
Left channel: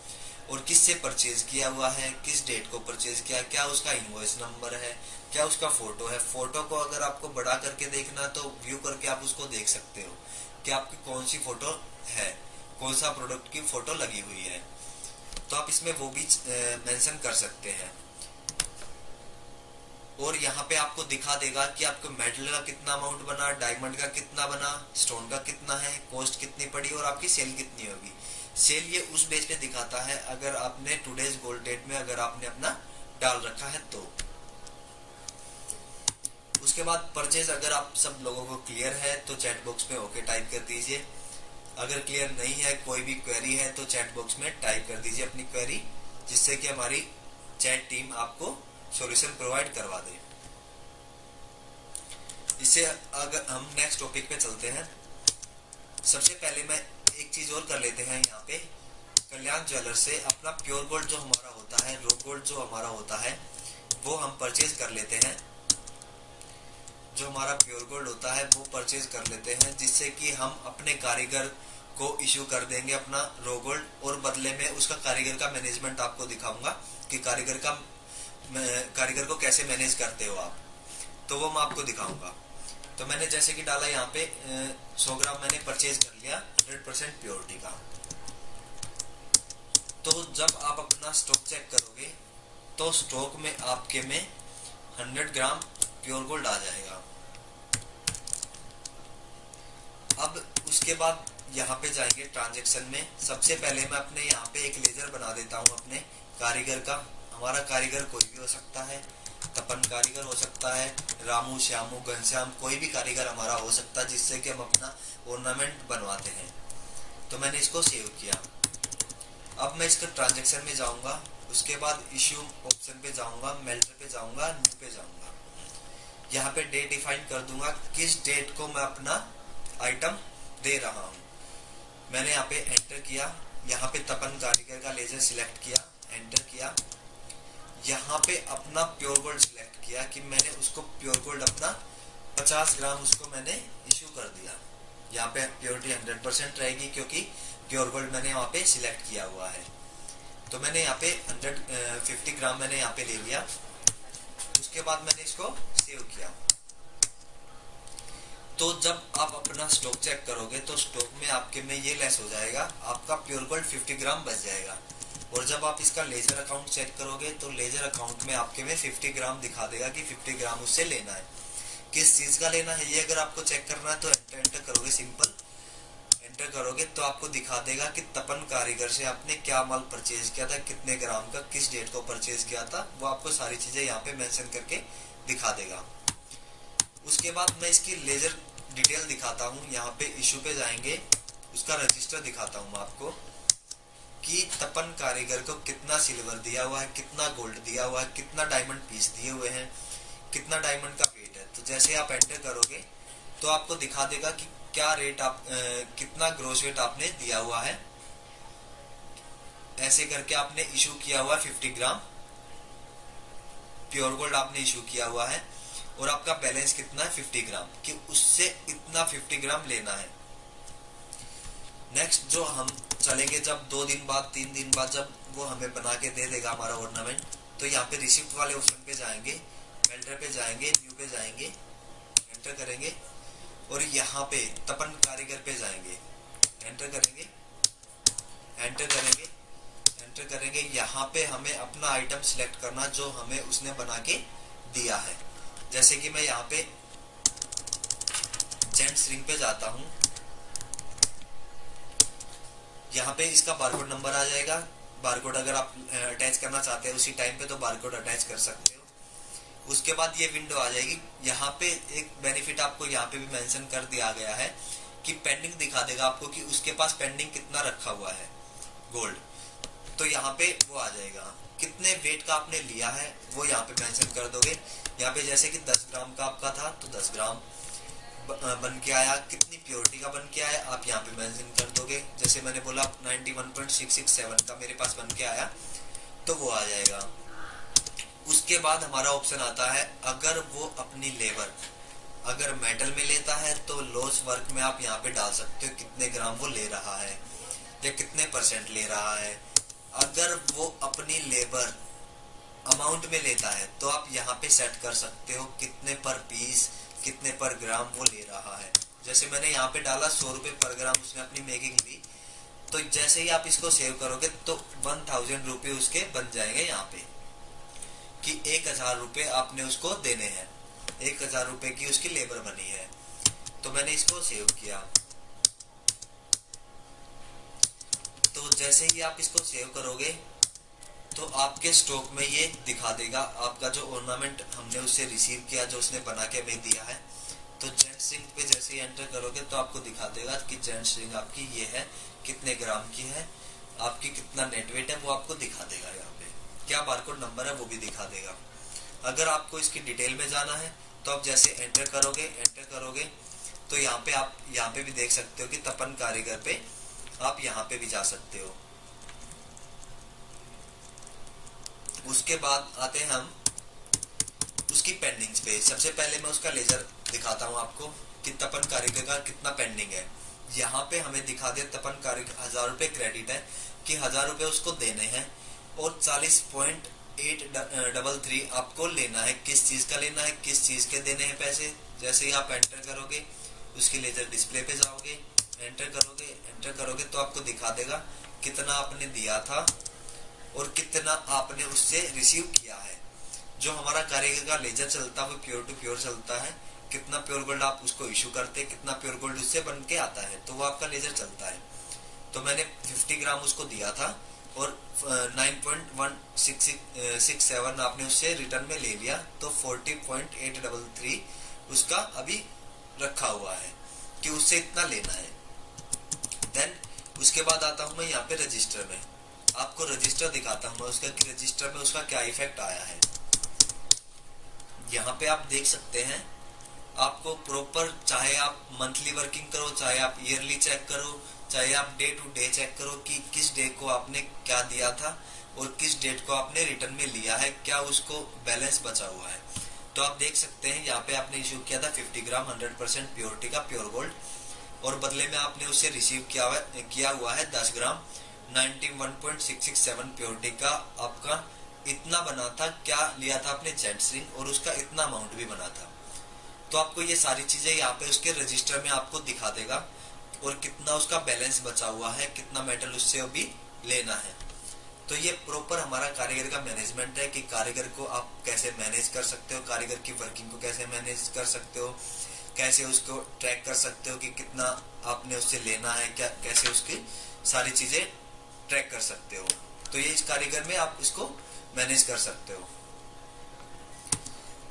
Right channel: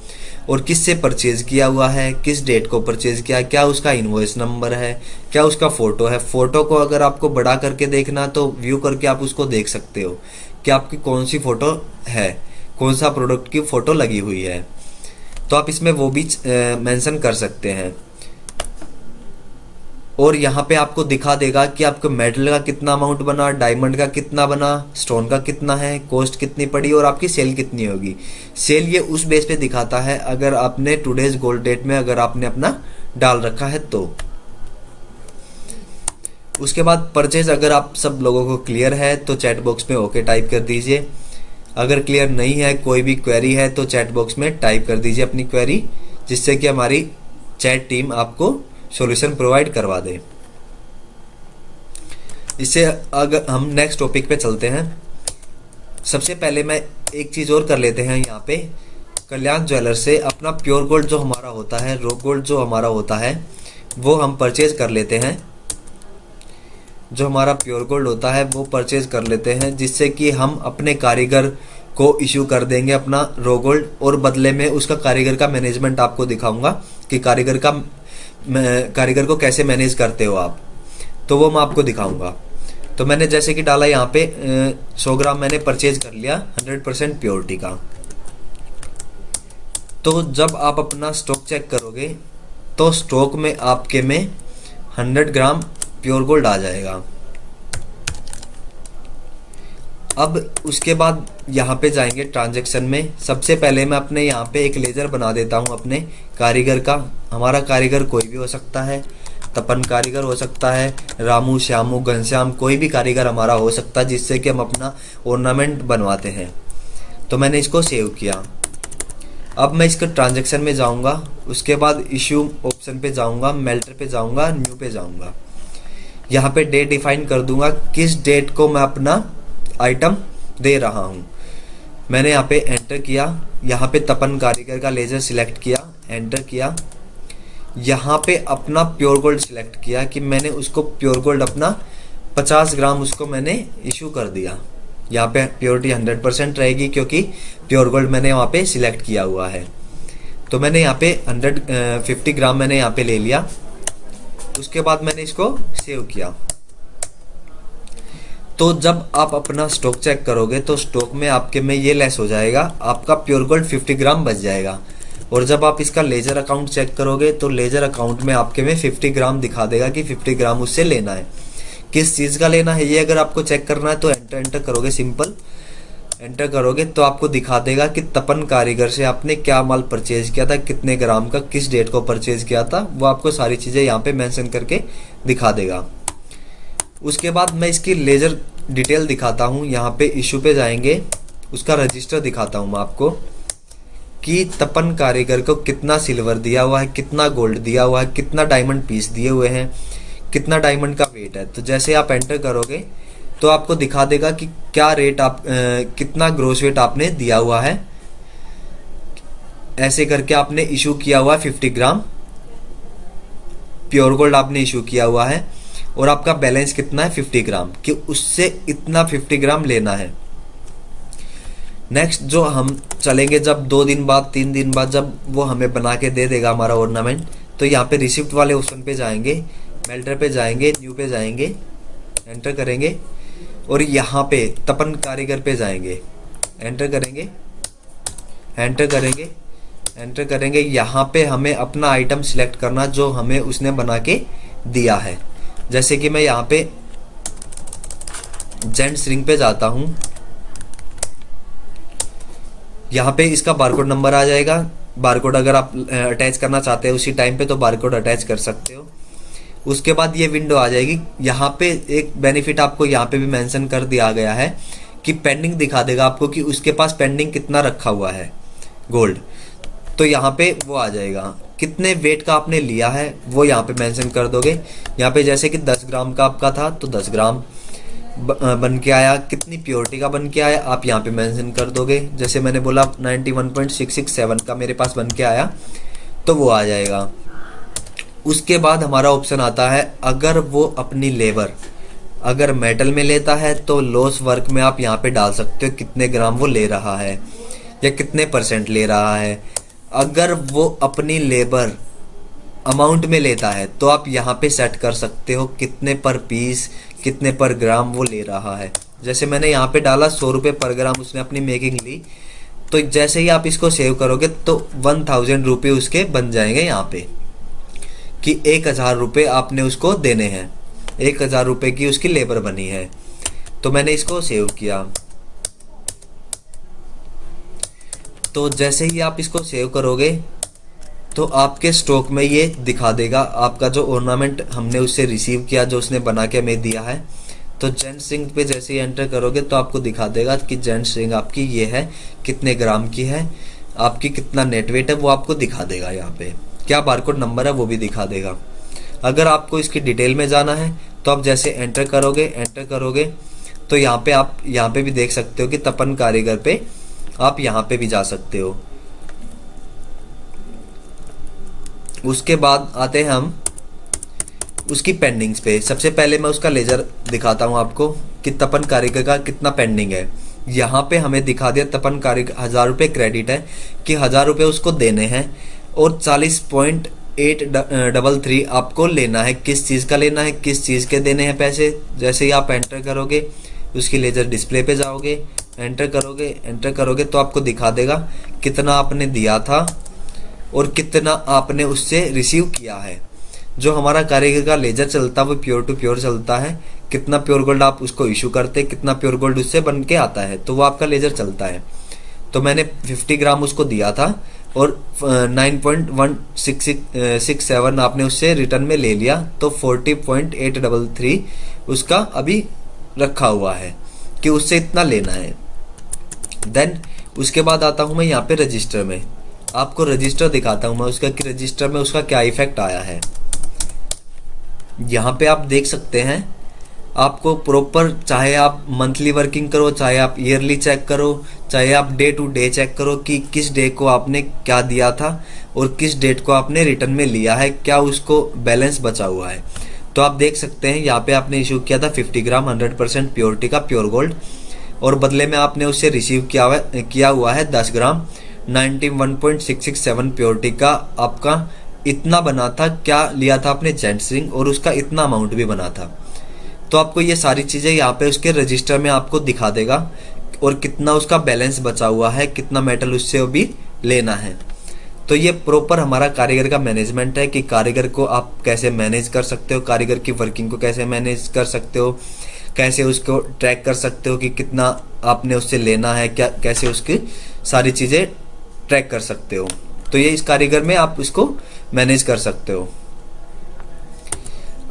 और किससे परचेज किया हुआ है, किस डेट को परचेज किया, क्या उसका इनवॉइस नंबर है, क्या उसका फोटो है। फोटो को अगर आपको बड़ा करके देखना तो व्यू करके आप उसको देख सकते हो कि आपकी कौन सी फोटो है, कौन सा प्रोडक्ट की फोटो लगी हुई है, तो आप इसमें वो भी मेंशन कर सकते हैं। और यहाँ पे आपको दिखा देगा कि आपको मेटल का कितना अमाउंट बना, डायमंड का कितना बना, स्टोन का कितना है, कॉस्ट कितनी पड़ी और आपकी सेल कितनी होगी। सेल ये उस बेस पे दिखाता है अगर आपने टुडेज गोल्ड डेट में अगर आपने अपना डाल रखा है तो। उसके बाद परचेज, अगर आप सब लोगों को क्लियर है तो चैट बॉक्स में ओके टाइप कर दीजिए। अगर क्लियर नहीं है, कोई भी क्वेरी है तो चैट बॉक्स में टाइप कर दीजिए अपनी क्वेरी, जिससे कि हमारी चैट टीम आपको सॉल्यूशन प्रोवाइड करवा दे। इससे अगर हम नेक्स्ट टॉपिक पे चलते हैं, सबसे पहले मैं एक चीज़ और कर लेते हैं। यहाँ पे कल्याण ज्वेलर से अपना प्योर गोल्ड जो हमारा होता है, रॉ गोल्ड जो हमारा होता है, वो हम परचेज कर लेते हैं। जो हमारा प्योर गोल्ड होता है वो परचेज कर लेते हैं, जिससे कि हम अपने कारीगर को इश्यू कर देंगे अपना रॉ गोल्ड, और बदले में उसका कारीगर का मैनेजमेंट आपको दिखाऊंगा कि कारीगर का कारीगर को कैसे मैनेज करते हो आप, तो वो मैं आपको दिखाऊंगा। तो मैंने जैसे कि डाला यहाँ पे 100 ग्राम मैंने परचेज कर लिया 100% प्योरिटी का। तो जब आप अपना स्टॉक चेक करोगे तो स्टॉक में आपके में 100 ग्राम प्योर गोल्ड आ जाएगा। अब उसके बाद यहाँ पे जाएंगे ट्रांजैक्शन में। सबसे पहले मैं अपने यहाँ पे एक लेजर बना देता हूँ अपने कारीगर का। हमारा कारीगर कोई भी हो सकता है, तपन कारीगर हो सकता है, रामू, श्यामू, घनश्याम, कोई भी कारीगर हमारा हो सकता है जिससे कि हम अपना ऑर्नामेंट बनवाते हैं। तो मैंने इसको सेव किया। अब मैं इसके ट्रांजैक्शन में जाऊंगा, उसके बाद इश्यू ऑप्शन पे जाऊंगा, मेल्टर पे जाऊंगा, न्यू पे जाऊंगा। यहाँ पे डेट डिफाइन कर दूंगा किस डेट को मैं अपना आइटम दे रहा हूँ। मैंने यहाँ पे एंटर किया, यहाँ पे तपन कारीगर का लेजर सिलेक्ट किया, एंटर किया। यहाँ पे अपना प्योर गोल्ड सिलेक्ट किया कि मैंने उसको प्योर गोल्ड अपना 50 ग्राम उसको मैंने इशू कर दिया। यहाँ पे प्योरिटी 100% रहेगी क्योंकि प्योर गोल्ड मैंने वहाँ पे सिलेक्ट किया हुआ है। तो मैंने यहाँ पे 150 ग्राम मैंने यहाँ पे ले लिया। उसके बाद मैंने इसको सेव किया। तो जब आप अपना स्टॉक चेक करोगे तो स्टॉक में आपके में ये लेस हो जाएगा, आपका प्योर गोल्ड 50 ग्राम बच जाएगा। और जब आप इसका लेजर अकाउंट चेक करोगे तो लेजर अकाउंट में आपके में 50 ग्राम दिखा देगा कि 50 ग्राम उससे लेना है। किस चीज़ का लेना है ये अगर आपको चेक करना है तो एंटर करोगे, सिंपल एंटर करोगे तो आपको दिखा देगा कि तपन कारीगर से आपने क्या माल परचेज किया था, कितने ग्राम का, किस डेट को परचेज किया था, वो आपको सारी चीज़ें यहाँ पे मेंशन करके दिखा देगा। उसके बाद मैं इसकी लेजर डिटेल दिखाता हूँ। यहाँ पे इशू पे जाएंगे, उसका रजिस्टर दिखाता हूँ मैं आपको कि तपन कारीगर को कितना सिल्वर दिया हुआ है, कितना गोल्ड दिया हुआ है, कितना डायमंड पीस दिए हुए हैं, कितना डायमंड का वेट है। तो जैसे आप एंटर करोगे तो आपको दिखा देगा कि क्या रेट आप कितना ग्रोस वेट आपने दिया हुआ है। ऐसे करके आपने इशू किया हुआ है 50 ग्राम प्योर गोल्ड आपने इशू किया हुआ है और आपका बैलेंस कितना है 50 ग्राम, कि उससे इतना 50 ग्राम लेना है। नेक्स्ट जो हम चलेंगे जब 2 दिन बाद 3 दिन बाद जब वो हमें बना के दे देगा हमारा ऑर्नामेंट, तो यहाँ पे रिसिप्ट वाले ऑप्शन पे जाएंगे, मेल्टर पे जाएंगे, न्यू पे जाएंगे, एंटर करेंगे और यहाँ पे तपन कारीगर पे जाएंगे, एंटर करेंगे, एंटर करेंगे, एंटर करेंगे। यहाँ पे हमें अपना आइटम सिलेक्ट करना जो हमें उसने बना के दिया है। जैसे कि मैं यहाँ पे जेंट्स रिंग पे जाता हूँ, यहाँ पे इसका बारकोड नंबर आ जाएगा। बारकोड अगर आप अटैच करना चाहते हो उसी टाइम पे तो बारकोड अटैच कर सकते हो। उसके बाद ये विंडो आ जाएगी। यहाँ पे एक बेनिफिट आपको यहाँ पे भी मेंशन कर दिया गया है कि पेंडिंग दिखा देगा आपको कि उसके पास पेंडिंग कितना रखा हुआ है गोल्ड। तो यहाँ पे वो आ जाएगा, कितने वेट का आपने लिया है वो यहाँ पे मेंशन कर दोगे। यहाँ पे जैसे कि 10 ग्राम का आपका था तो 10 ग्राम बन के आया, कितनी प्योरिटी का बन के आया आप यहाँ पे मेंशन कर दोगे। जैसे मैंने बोला 91.667 का मेरे पास बन के आया तो वो आ जाएगा। उसके बाद हमारा ऑप्शन आता है, अगर वो अपनी लेबर अगर मेटल में लेता है तो लॉस वर्क में आप यहाँ पे डाल सकते हो कितने ग्राम वो ले रहा है या कितने % ले रहा है। अगर वो अपनी लेबर अमाउंट में लेता है तो आप यहाँ पे सेट कर सकते हो कितने पर पीस, कितने पर ग्राम वो ले रहा है। जैसे मैंने यहाँ पे डाला 100 रुपये पर ग्राम उसने अपनी मेकिंग ली, तो जैसे ही आप इसको सेव करोगे तो 1000 रुपये उसके बन जाएंगे यहाँ पे कि 1000 रुपये आपने उसको देने हैं, 1000 रुपये की उसकी लेबर बनी है। तो मैंने इसको सेव किया। तो जैसे ही आप इसको सेव करोगे तो आपके स्टॉक में ये दिखा देगा आपका जो ऑर्नामेंट हमने उससे रिसीव किया, जो उसने बना के हमें दिया है। तो जेंट्स रिंग पे जैसे ही एंटर करोगे तो आपको दिखा देगा कि जेंट्स रिंग आपकी ये है, कितने ग्राम की है, आपकी कितना नेट वेट है वो आपको दिखा देगा। यहाँ पे क्या बारकोड नंबर है वो भी दिखा देगा। अगर आपको इसकी डिटेल में जाना है तो आप जैसे एंटर करोगे तो यहाँ पे आप यहाँ पे भी देख सकते हो कि तपन कारीगर पे आप यहाँ पे भी जा सकते हो। उसके बाद आते हैं हम उसकी पेंडिंग्स पे। सबसे पहले मैं उसका लेजर दिखाता हूँ आपको कि तपन कारीगर का कितना पेंडिंग है। यहाँ पे हमें दिखा दिया तपन कारीगर 1000 रुपये क्रेडिट है कि 1000 रुपये उसको देने हैं और 833 आपको लेना है। किस चीज़ का लेना है, किस चीज़ के देने हैं पैसे, जैसे ही आप एंटर करोगे उसकी लेजर डिस्प्ले पे जाओगे, एंटर करोगे तो आपको दिखा देगा कितना आपने दिया था और कितना आपने उससे रिसीव किया है। जो हमारा कारीगर का लेजर चलता है वो प्योर टू प्योर चलता है। कितना प्योर गोल्ड आप उसको इशू करते, कितना प्योर गोल्ड उससे बन के आता है, तो वो आपका लेजर चलता है। तो मैंने 50 ग्राम उसको दिया था और 9.1667 आपने उससे रिटर्न में ले लिया, तो 40.833 उसका अभी रखा हुआ है कि उससे इतना लेना है। देन उसके बाद आता हूं मैं यहाँ पे रजिस्टर में, आपको रजिस्टर दिखाता हूं मैं उसका कि रजिस्टर में उसका क्या इफेक्ट आया है। यहाँ पे आप देख सकते हैं, आपको प्रॉपर, चाहे आप मंथली वर्किंग करो, चाहे आप ईयरली चेक करो, चाहे आप डे टू डे चेक करो कि किस डे को आपने क्या दिया था और किस डेट को आपने रिटर्न में लिया है, क्या उसको बैलेंस बचा हुआ है। तो आप देख सकते हैं यहाँ पे आपने इशू किया था 50 ग्राम 100% प्योरिटी का प्योर गोल्ड, और बदले में आपने उससे रिसीव किया हुआ है 10 ग्राम 91.667 प्योरिटी का। आपका इतना बना था, क्या लिया था आपने जेंट्स रिंग, और उसका इतना अमाउंट भी बना था। तो आपको ये सारी चीजें यहाँ पे उसके रजिस्टर में आपको दिखा देगा और कितना उसका बैलेंस बचा हुआ है, कितना मेटल उससे अभी लेना है। तो ये प्रॉपर हमारा कारीगर का मैनेजमेंट है कि कारीगर को आप कैसे मैनेज कर सकते हो, कारीगर की वर्किंग को कैसे मैनेज कर सकते हो, कैसे उसको ट्रैक कर सकते हो कि कितना आपने उससे लेना है, क्या कैसे उसकी सारी चीजें ट्रैक कर सकते हो। तो ये इस कारीगर में आप इसको मैनेज कर सकते हो।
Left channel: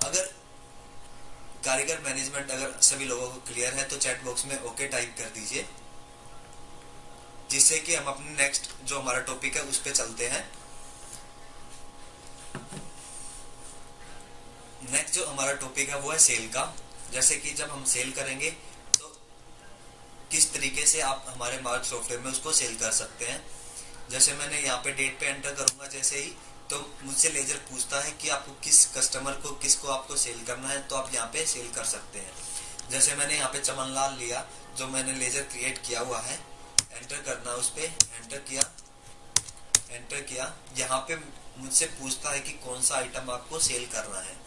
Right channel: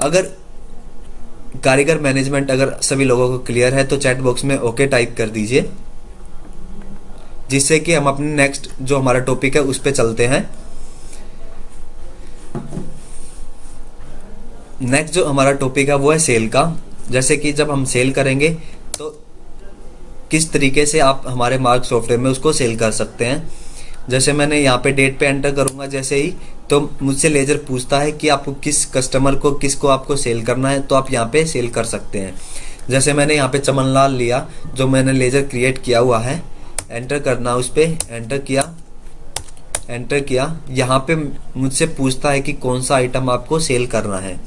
अगर कारीगर मैनेजमेंट अगर सभी लोगों को क्लियर है तो चैट बॉक्स में ओके टाइप कर दीजिए, जिससे कि हम अपने नेक्स्ट जो हमारा टॉपिक है उस पे चलते हैं। नेक्स्ट जो हमारा टॉपिक है वो है सेल का। जैसे कि जब हम सेल करेंगे तो किस तरीके से आप हमारे मार्क सॉफ्टवेयर में उसको सेल कर सकते हैं। जैसे मैंने यहाँ पे डेट पे एंटर करूंगा जैसे ही, तो मुझसे लेजर पूछता है कि आपको किस कस्टमर को, किसको आपको सेल करना है, तो आप यहाँ पे सेल कर सकते हैं। जैसे मैंने यहाँ पे चमनलाल लिया, जो मैंने लेजर क्रिएट किया हुआ है, एंटर करना, उस पर एंटर किया। यहाँ पे मुझसे पूछता है कि कौन सा आइटम आपको सेल करना है।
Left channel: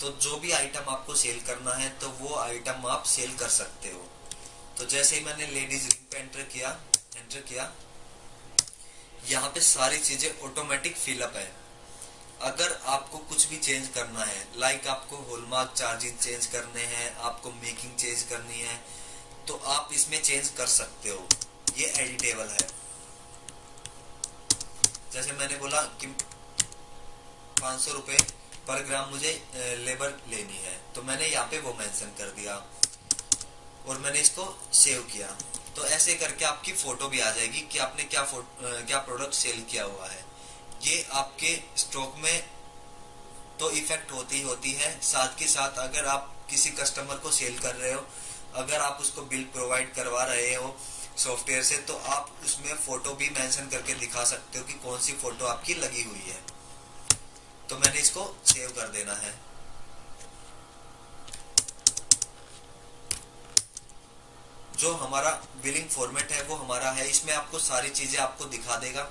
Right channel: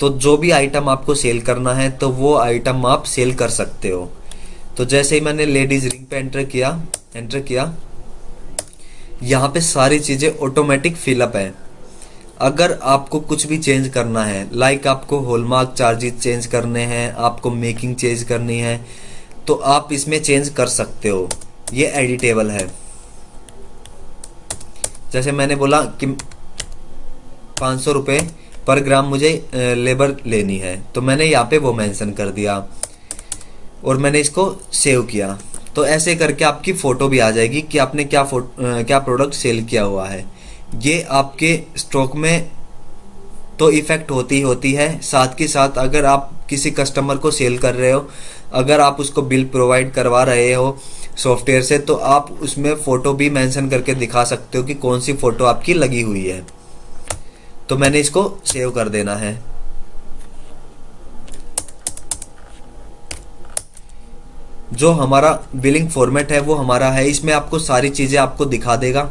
तो जो भी आइटम आपको सेल करना है तो वो आइटम आप सेल कर सकते हो। तो जैसे ही मैंने लेडीज रिंग पे एंटर किया, यहाँ पे सारी चीजें ऑटोमेटिक फिलअप है। अगर आपको कुछ भी चेंज करना है, लाइक आपको हॉलमार्क चार्जेस चेंज करने हैं, आपको मेकिंग चेंज करनी है, तो आप इसमें चेंज कर सकते हो। ये एडिटेबल है। जैसे मैंने बोला कि 500 रुपये पर ग्राम मुझे लेबर लेनी है, तो मैंने यहाँ पे वो मेंशन कर दिया और मैंने इसको सेव किया। तो ऐसे करके आपकी फोटो भी आ जाएगी कि आपने क्या प्रोडक्ट सेल किया हुआ है। ये आपके स्टॉक में तो इफेक्ट होती है। साथ के साथ अगर आप किसी कस्टमर को सेल कर रहे हो, अगर आप उसको बिल प्रोवाइड करवा रहे हो सॉफ्टवेयर से, तो आप उसमें फोटो भी मेंशन करके दिखा सकते हो कि कौन सी फोटो आपकी लगी हुई है। तो मैंने इसको सेव कर देना है। जो हमारा बिलिंग फॉर्मेट है वो हमारा है, इसमें आपको सारी चीजें आपको दिखा देगा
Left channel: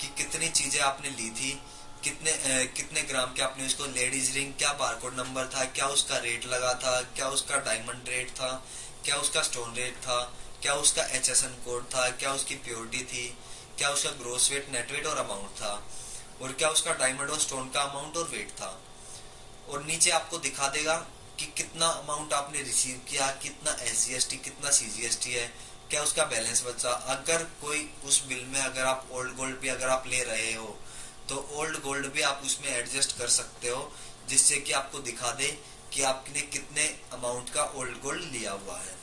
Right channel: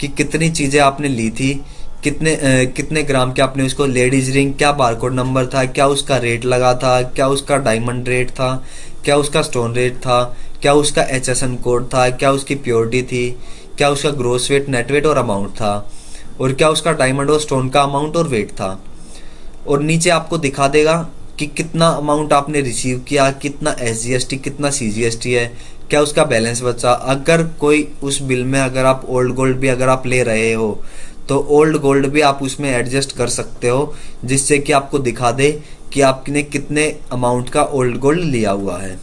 कि कितनी चीजें आपने ली थी, कितने ग्राम के आपने उसको, लेडीज रिंग क्या बारकोड नंबर था, क्या उसका रेट लगा था, क्या उसका डायमंड रेट था, क्या उसका स्टोन रेट था, क्या उसका HSN कोड था, क्या उसकी प्योरिटी थी, क्या उसका ग्रोस वेट, नेट वेट और अमाउंट था, और क्या उसका डायमंड और स्टोन का अमाउंट और वेट था। और नीचे आपको दिखा देगा कि कितना अमाउंट आपने रिसीव किया, कितना SGST, कितना CGST है, क्या उसका बैलेंस बचा। अगर कोई उस बिल में अगर आप ओल्ड गोल्ड भी अगर आप ले रहे हो तो ओल्ड गोल्ड भी आप उसमें एडजस्ट कर सकते हो, जिससे कि आपको दिखा दे कि आपने कितने अमाउंट का ओल्ड गोल्ड लिया हुआ है।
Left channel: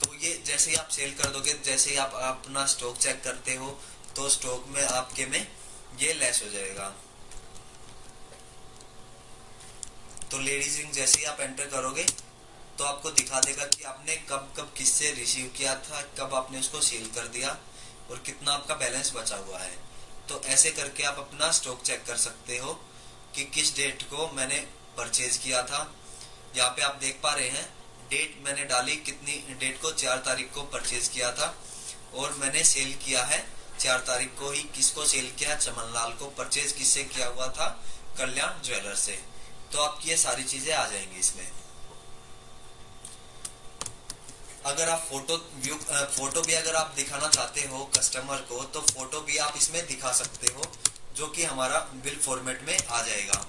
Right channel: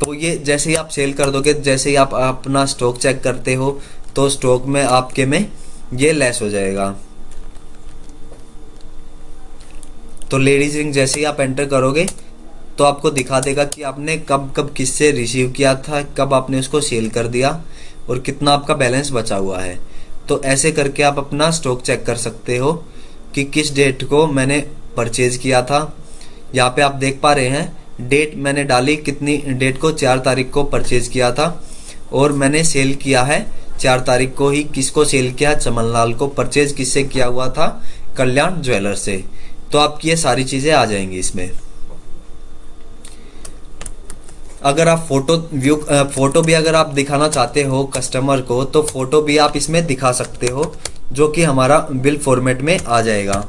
तो ये जैसे ही आप सेल कर दोगे, जैसे ही आप अपना स्टॉक चेक करते हो, तो स्टॉक में आपके में ये लेस हो जाएगा। तो लेडीज रिंग जैसे ही आप एंटर करोगे तो आपको दिखा देगा कि आपने कब कब किससे रिसीव किया था, कब आपने उसको सेल कर दिया और कितना आपका बैलेंस बचा हुआ है। तो ऐसे करके आप अपना स्टॉक चेक कर सकते हो कि किस डेट को मैंने परचेज किया था। यहाँ पे आप देख पा रहे हैं डेट मैंने डाली, कितनी डेट को, 4 तारीख को परचेज किया था और मैंने सेल किया है 4 तारीख को ही किसको सेल किया? चमनलाल को। परचेज किससे किया हुआ था? कल्याण ज्वेलर से। तो आपकी ये सारी चीजें आ जाएंगी इसमें। अगर आप फोटो भी अगर आप दिखाना चाहते हो कस्टमर को, तो फोटो भी आप इसमें दिखा सकते हो, जो कि हमारा बिल फॉर्मेट में आ जाएगा।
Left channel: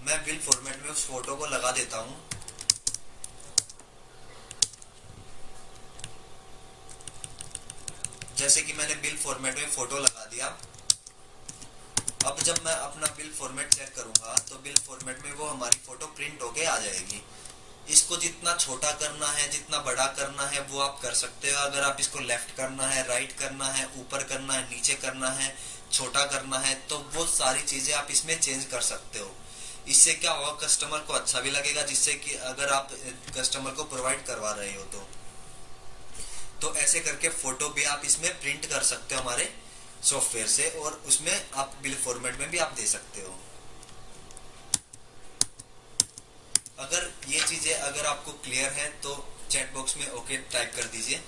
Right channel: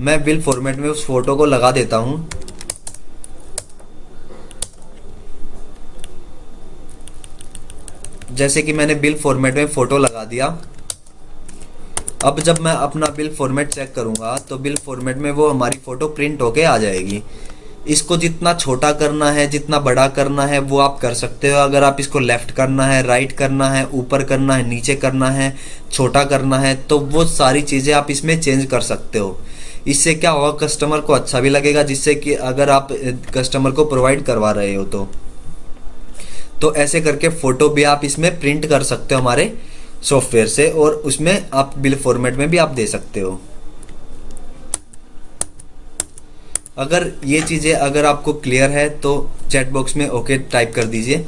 मैं बिल फॉर्मेट में उस फोटो को लगा देता हूं। जैसे कि मैंने बिल फॉर्मेट में फोटो लगा दिया। अब जब मैं अपना बिल फॉर्मेट चेक करूंगा तो बिल फॉर्मेट में वो हमारी फोटो प्रिंट होके आ जाएगी। इसको जितना छोटा करना है, जितना बड़ा करना है, वो आप कर सकते हो। अगर आप इसको लेफ्ट करना है, राइट करना है, ऊपर करना है, नीचे करना है, छोटा करना है, तो वो सारी चीजें आप इसमें चेंज कर सकते हो। इससे क्या होगा, कस्टमर को अच्छा भी लगेगा, जिससे कि अगर आप कस्टमर को प्रोवाइड करवा रहे हो तो ऐसे करके फोटो भी आप इसमें प्रिंट कर सकते हो हमारे सॉफ्टवेयर से, और उसमें आप बिल फॉर्मेट में भी आप दे सकते हो। अगर ये चीजें अगर आपको क्लियर है तो चैट बॉक्स में ओके टाइप कर दीजिए,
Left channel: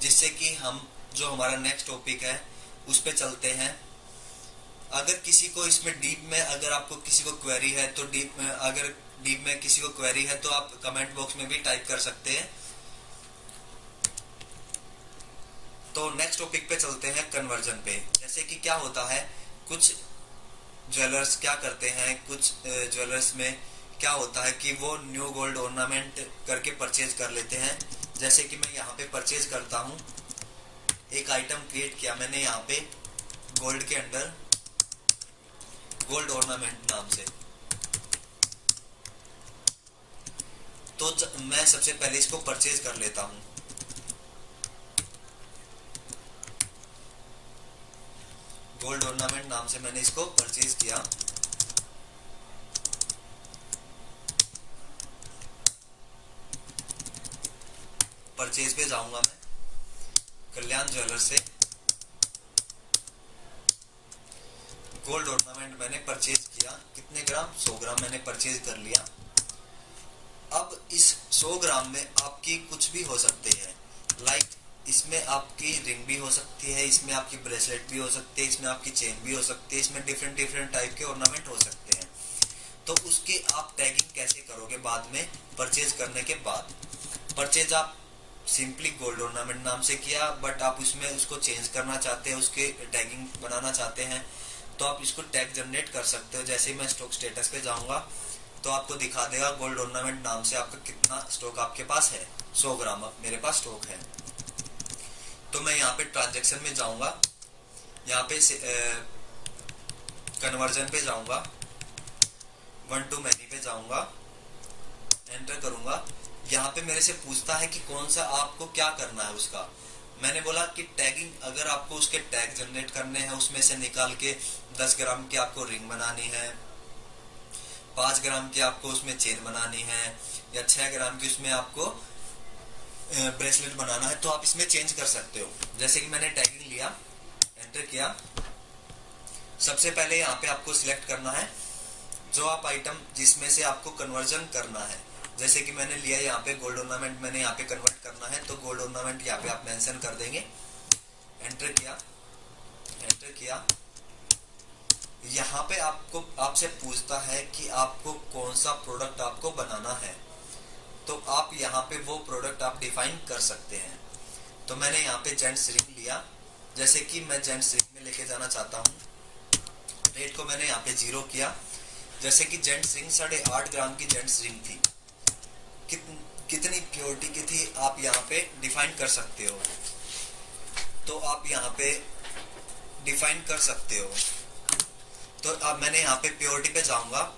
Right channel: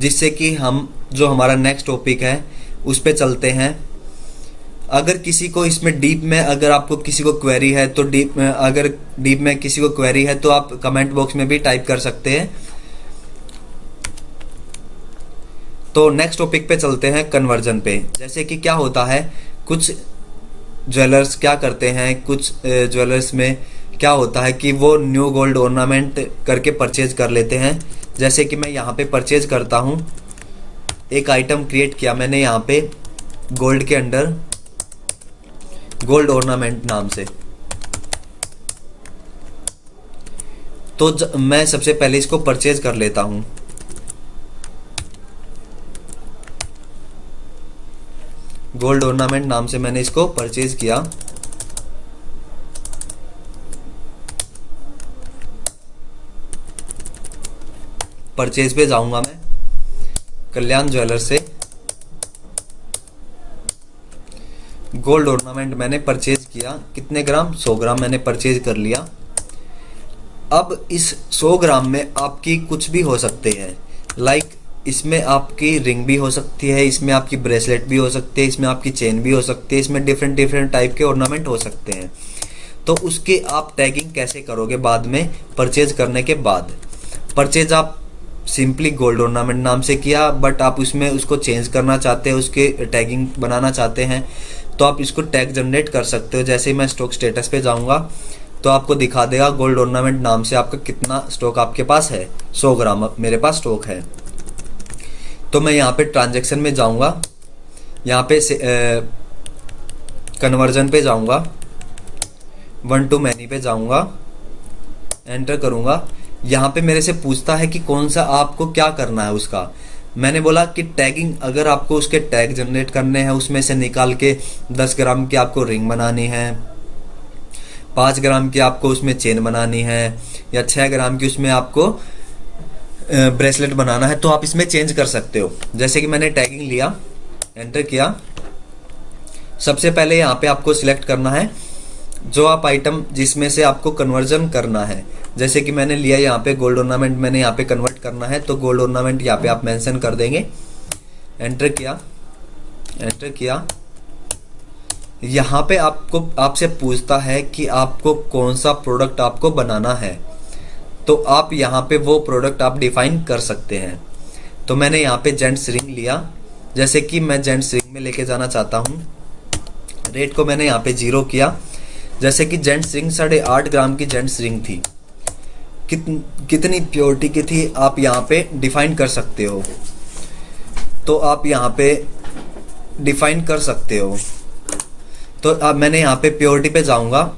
जिससे कि हम जो हमारा नेक्स्ट टॉपिक है उस पे चलते हैं। अगर किसी को इसमें डीप में अगर आपको किसी को क्वेरी है तो अगर डीप में किसी को क्वेरी है तो आप कमेंट बॉक्स में भी टाइप कर सकते हैं। तो नेक्स्ट टॉपिक पे चलते हैं, कन्वर्जन पे। जैसे कि क्या होता है, कुछ ज्वेलर्स क्या करते हैं, कुछ ज्वेलर्स में क्या होता है कि वो न्यू गोल्ड ऑर्नामेंट करके परचेज कर लेते हैं। जैसे कि मैं यहाँ पे परचेज करता हूँ, एक आइटम क्रिएट किया मैंने यहाँ पे गोल्ड के अंडर, गोल्ड ऑर्नामेंट नाम से। तो मैं सबसे पहले इसको परचेज कर लेता हूं। गोल्ड ऑर्नामेंट नाम से मैंने इसको परचेज किया। परचेज पे जाऊंगा मैं, कल्याण ज्वेलर से गोल्ड ऑर्नामेंट मैंने परचेज किया। कितने ग्राम? 100 ग्राम मैंने परचेज कर लिया। अब इस 100 ग्राम में आपकी कुछ भी हो सकते हैं, लाइक इसमें आपकी रिंग भी हो सकती है, इसमें आपकी ब्रेसलेट भी हो सकती है, इसमें आपकी चेन भी हो सकती है, इसमें डिफरेंट टाइप के ऑर्नामेंट हो सकते हैं। तो उसके आप टैगिंग कैसे करोगे बाद में? परचेज करने के बाद परचेज आप सिंपली गोल्ड ऑर्नामेंट नाम से किया, बट आप उसमें उसको चेंज करना चाहते हैं, उसके टैगिंग बनाना चाहते हैं, तो आप इसको टैग जनरेट कर सकते हो। जैसे ही मैं स्टॉक स्टेटस पे जाऊंगा तो आपको दिखा देगा गोल्ड ऑर्नामेंट नाम से आपका कितना स्टॉक आपके पास है। 100 ग्राम मेरे पास स्टॉक है। तो मैं यहाँ पे ट्रांजैक्शन में जाऊंगा, यहाँ पे कन्वर्जन पे जाऊंगा, 1 to many पे जाऊंगा, एंटर करूंगा। यहाँ पे मेरे से पूछता है कि कौन सा आपको क्या करना है उसका। मैंने बोला कि टैगिंग, अगर आपको उसके टैग जनरेट करने हैं, उसमें से निकाल के 10 ग्राम की आपको रिंग बनानी है, 5 ग्राम की आपको उसमें चेन बनानी है, या 6 ग्राम की उसमें आपको ब्रेसलेट बनाना है, तो आप इसमें चेंज कर सकते हो। जैसे कि मैंने टैगिंग लिया, एंटर किया। सबसे पहले यहाँ पे आपको सिलेक्ट करना है जो आप आइटम जिसमें से आपको कन्वर्जन करना है। जैसे कि मैंने लिया यहाँ पे गोल्ड ऑर्नामेंट, मैंने यहाँ पे कन्वर्ट करना है, तो गोल्ड ऑर्नामेंट यहाँ पे आप मेंशन कर देंगे। एंटर किया, एंटर किया। यहाँ पे आपसे पूछता है कि आपको कौन सा प्रोडक्ट आपको बनाना है, तो आप यहाँ पे वो प्रोडक्ट आप डिफाइन कर सकते हैं। तो मैंने यहाँ पे जेंट्स रिंग लिया। जैसे कि मैं जेंट्स रिंग में लेके जाना चाहता हूँ, रेट को मैंने यहाँ पे 0 किया। जैसे कि जेंट्स रिंग 8.5 ग्राम की जेंट्स रिंग थी, कितनी प्योरिटी की थी आप यहाँ पे डिफाइन कर सकते हो। तो आप यहाँ पे डिफाइन कर सकते हो। तो अब मैंने यहाँ पे प्योरिटी पे जाऊंगा,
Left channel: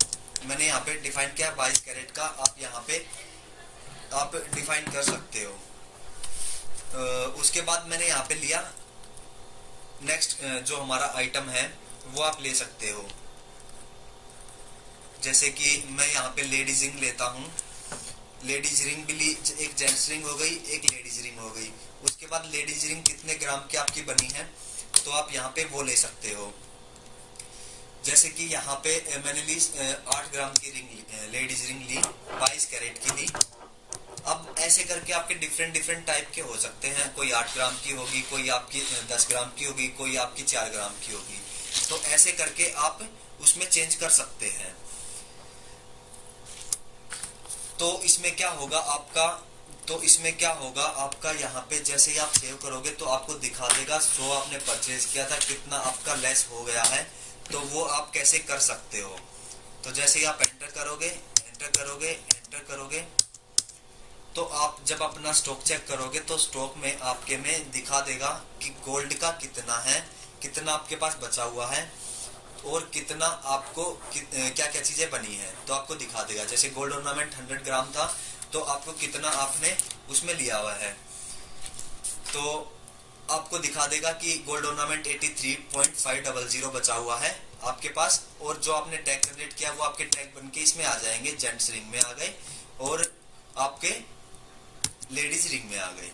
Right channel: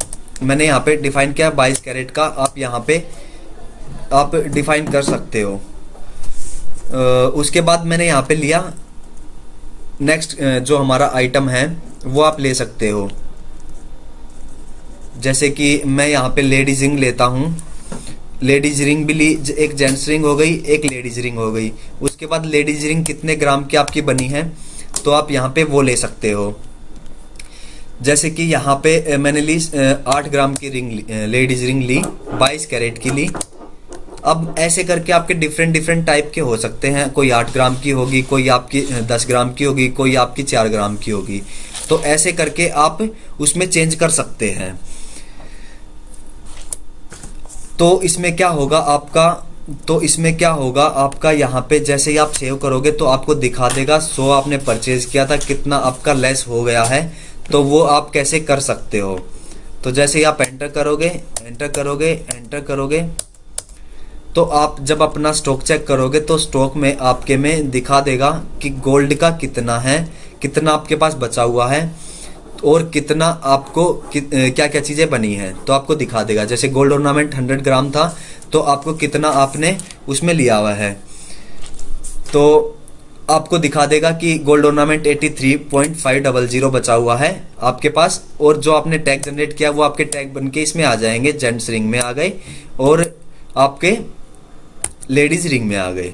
मैंने यहाँ पे डिफाइन किया 22 कैरेट का। आप यहाँ पे आप डिफाइन कर सकते हो। उसके बाद मैंने यहाँ पे लिया नेक्स्ट जो हमारा आइटम है वो आप ले सकते हो। जैसे कि मैं यहाँ पे लेडीज रिंग लेता हूँ, लेडीज रिंग भी ली, एक जेंट्स रिंग हो गई, एक लेडीज रिंग हो गई। उसके बाद लेडीज रिंग कितने ग्राम की आपकी बनी है तो आप यहाँ पे वो ले सकते हो। जैसे कि यहाँ पे मैंने ली 8 ग्राम की रिंग, लेडीज रिंग ली, 22 कैरेट की ली। अब ऐसे करके आपके डिफरेंट डिफरेंट टाइप के हो सकते हैं, कोई 8 ग्राम की होगी, कोई आपकी 10 ग्राम की होगी, कोई आपकी 4 ग्राम की होगी। तो ऐसे करके आप उसमें चेंज कर सकते हैं। तो इसमें क्या होगा आपका यहाँ पे जैसे ही आप सेव करोगे तो आपको दिखा देगा सो आपने परचेज किया था, कितना आपका लेस हो गया है। तो वो आप कैसे कर सकते हो, तो जैसे ही आप एंटर करोगे तो आप जब अपना स्टॉक चेक करोगे तो स्टॉक में आपके में दिखा देगा कि गोल्ड का कितना है, कितना आपके पास बचा हुआ है और कितना आपको क्या क्या चीज़ें बनी हैं, तो आपको दिखा देगा। जैसे गोल्ड ऑर्नामेंट 100 ग्राम था तो आपको कितना आपने उसमें लिया हुआ है, तो आपको दिखा देगा कि गोल्ड ऑर्नामेंट 83.500 बचा हुआ है आपके पास। और जो आपने टैग जनरेट किया वो आपके टैग बन के इसमें आ जाएंगे, जेंट्स रिंग में आ गए और आपके लेडीज रिंग में आ गए,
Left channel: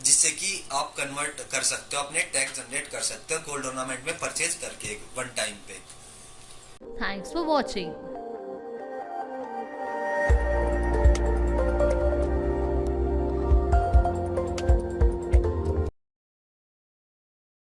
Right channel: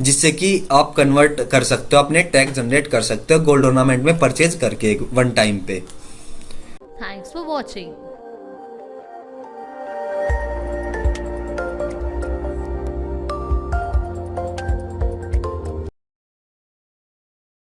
जिससे कि आप कन्वर्ट कर सकते हो, अपने टैग जनरेट कर सकते हो गोल्ड ऑर्नामेंट में परचेज करके वन टाइम पे। Thanks for watching.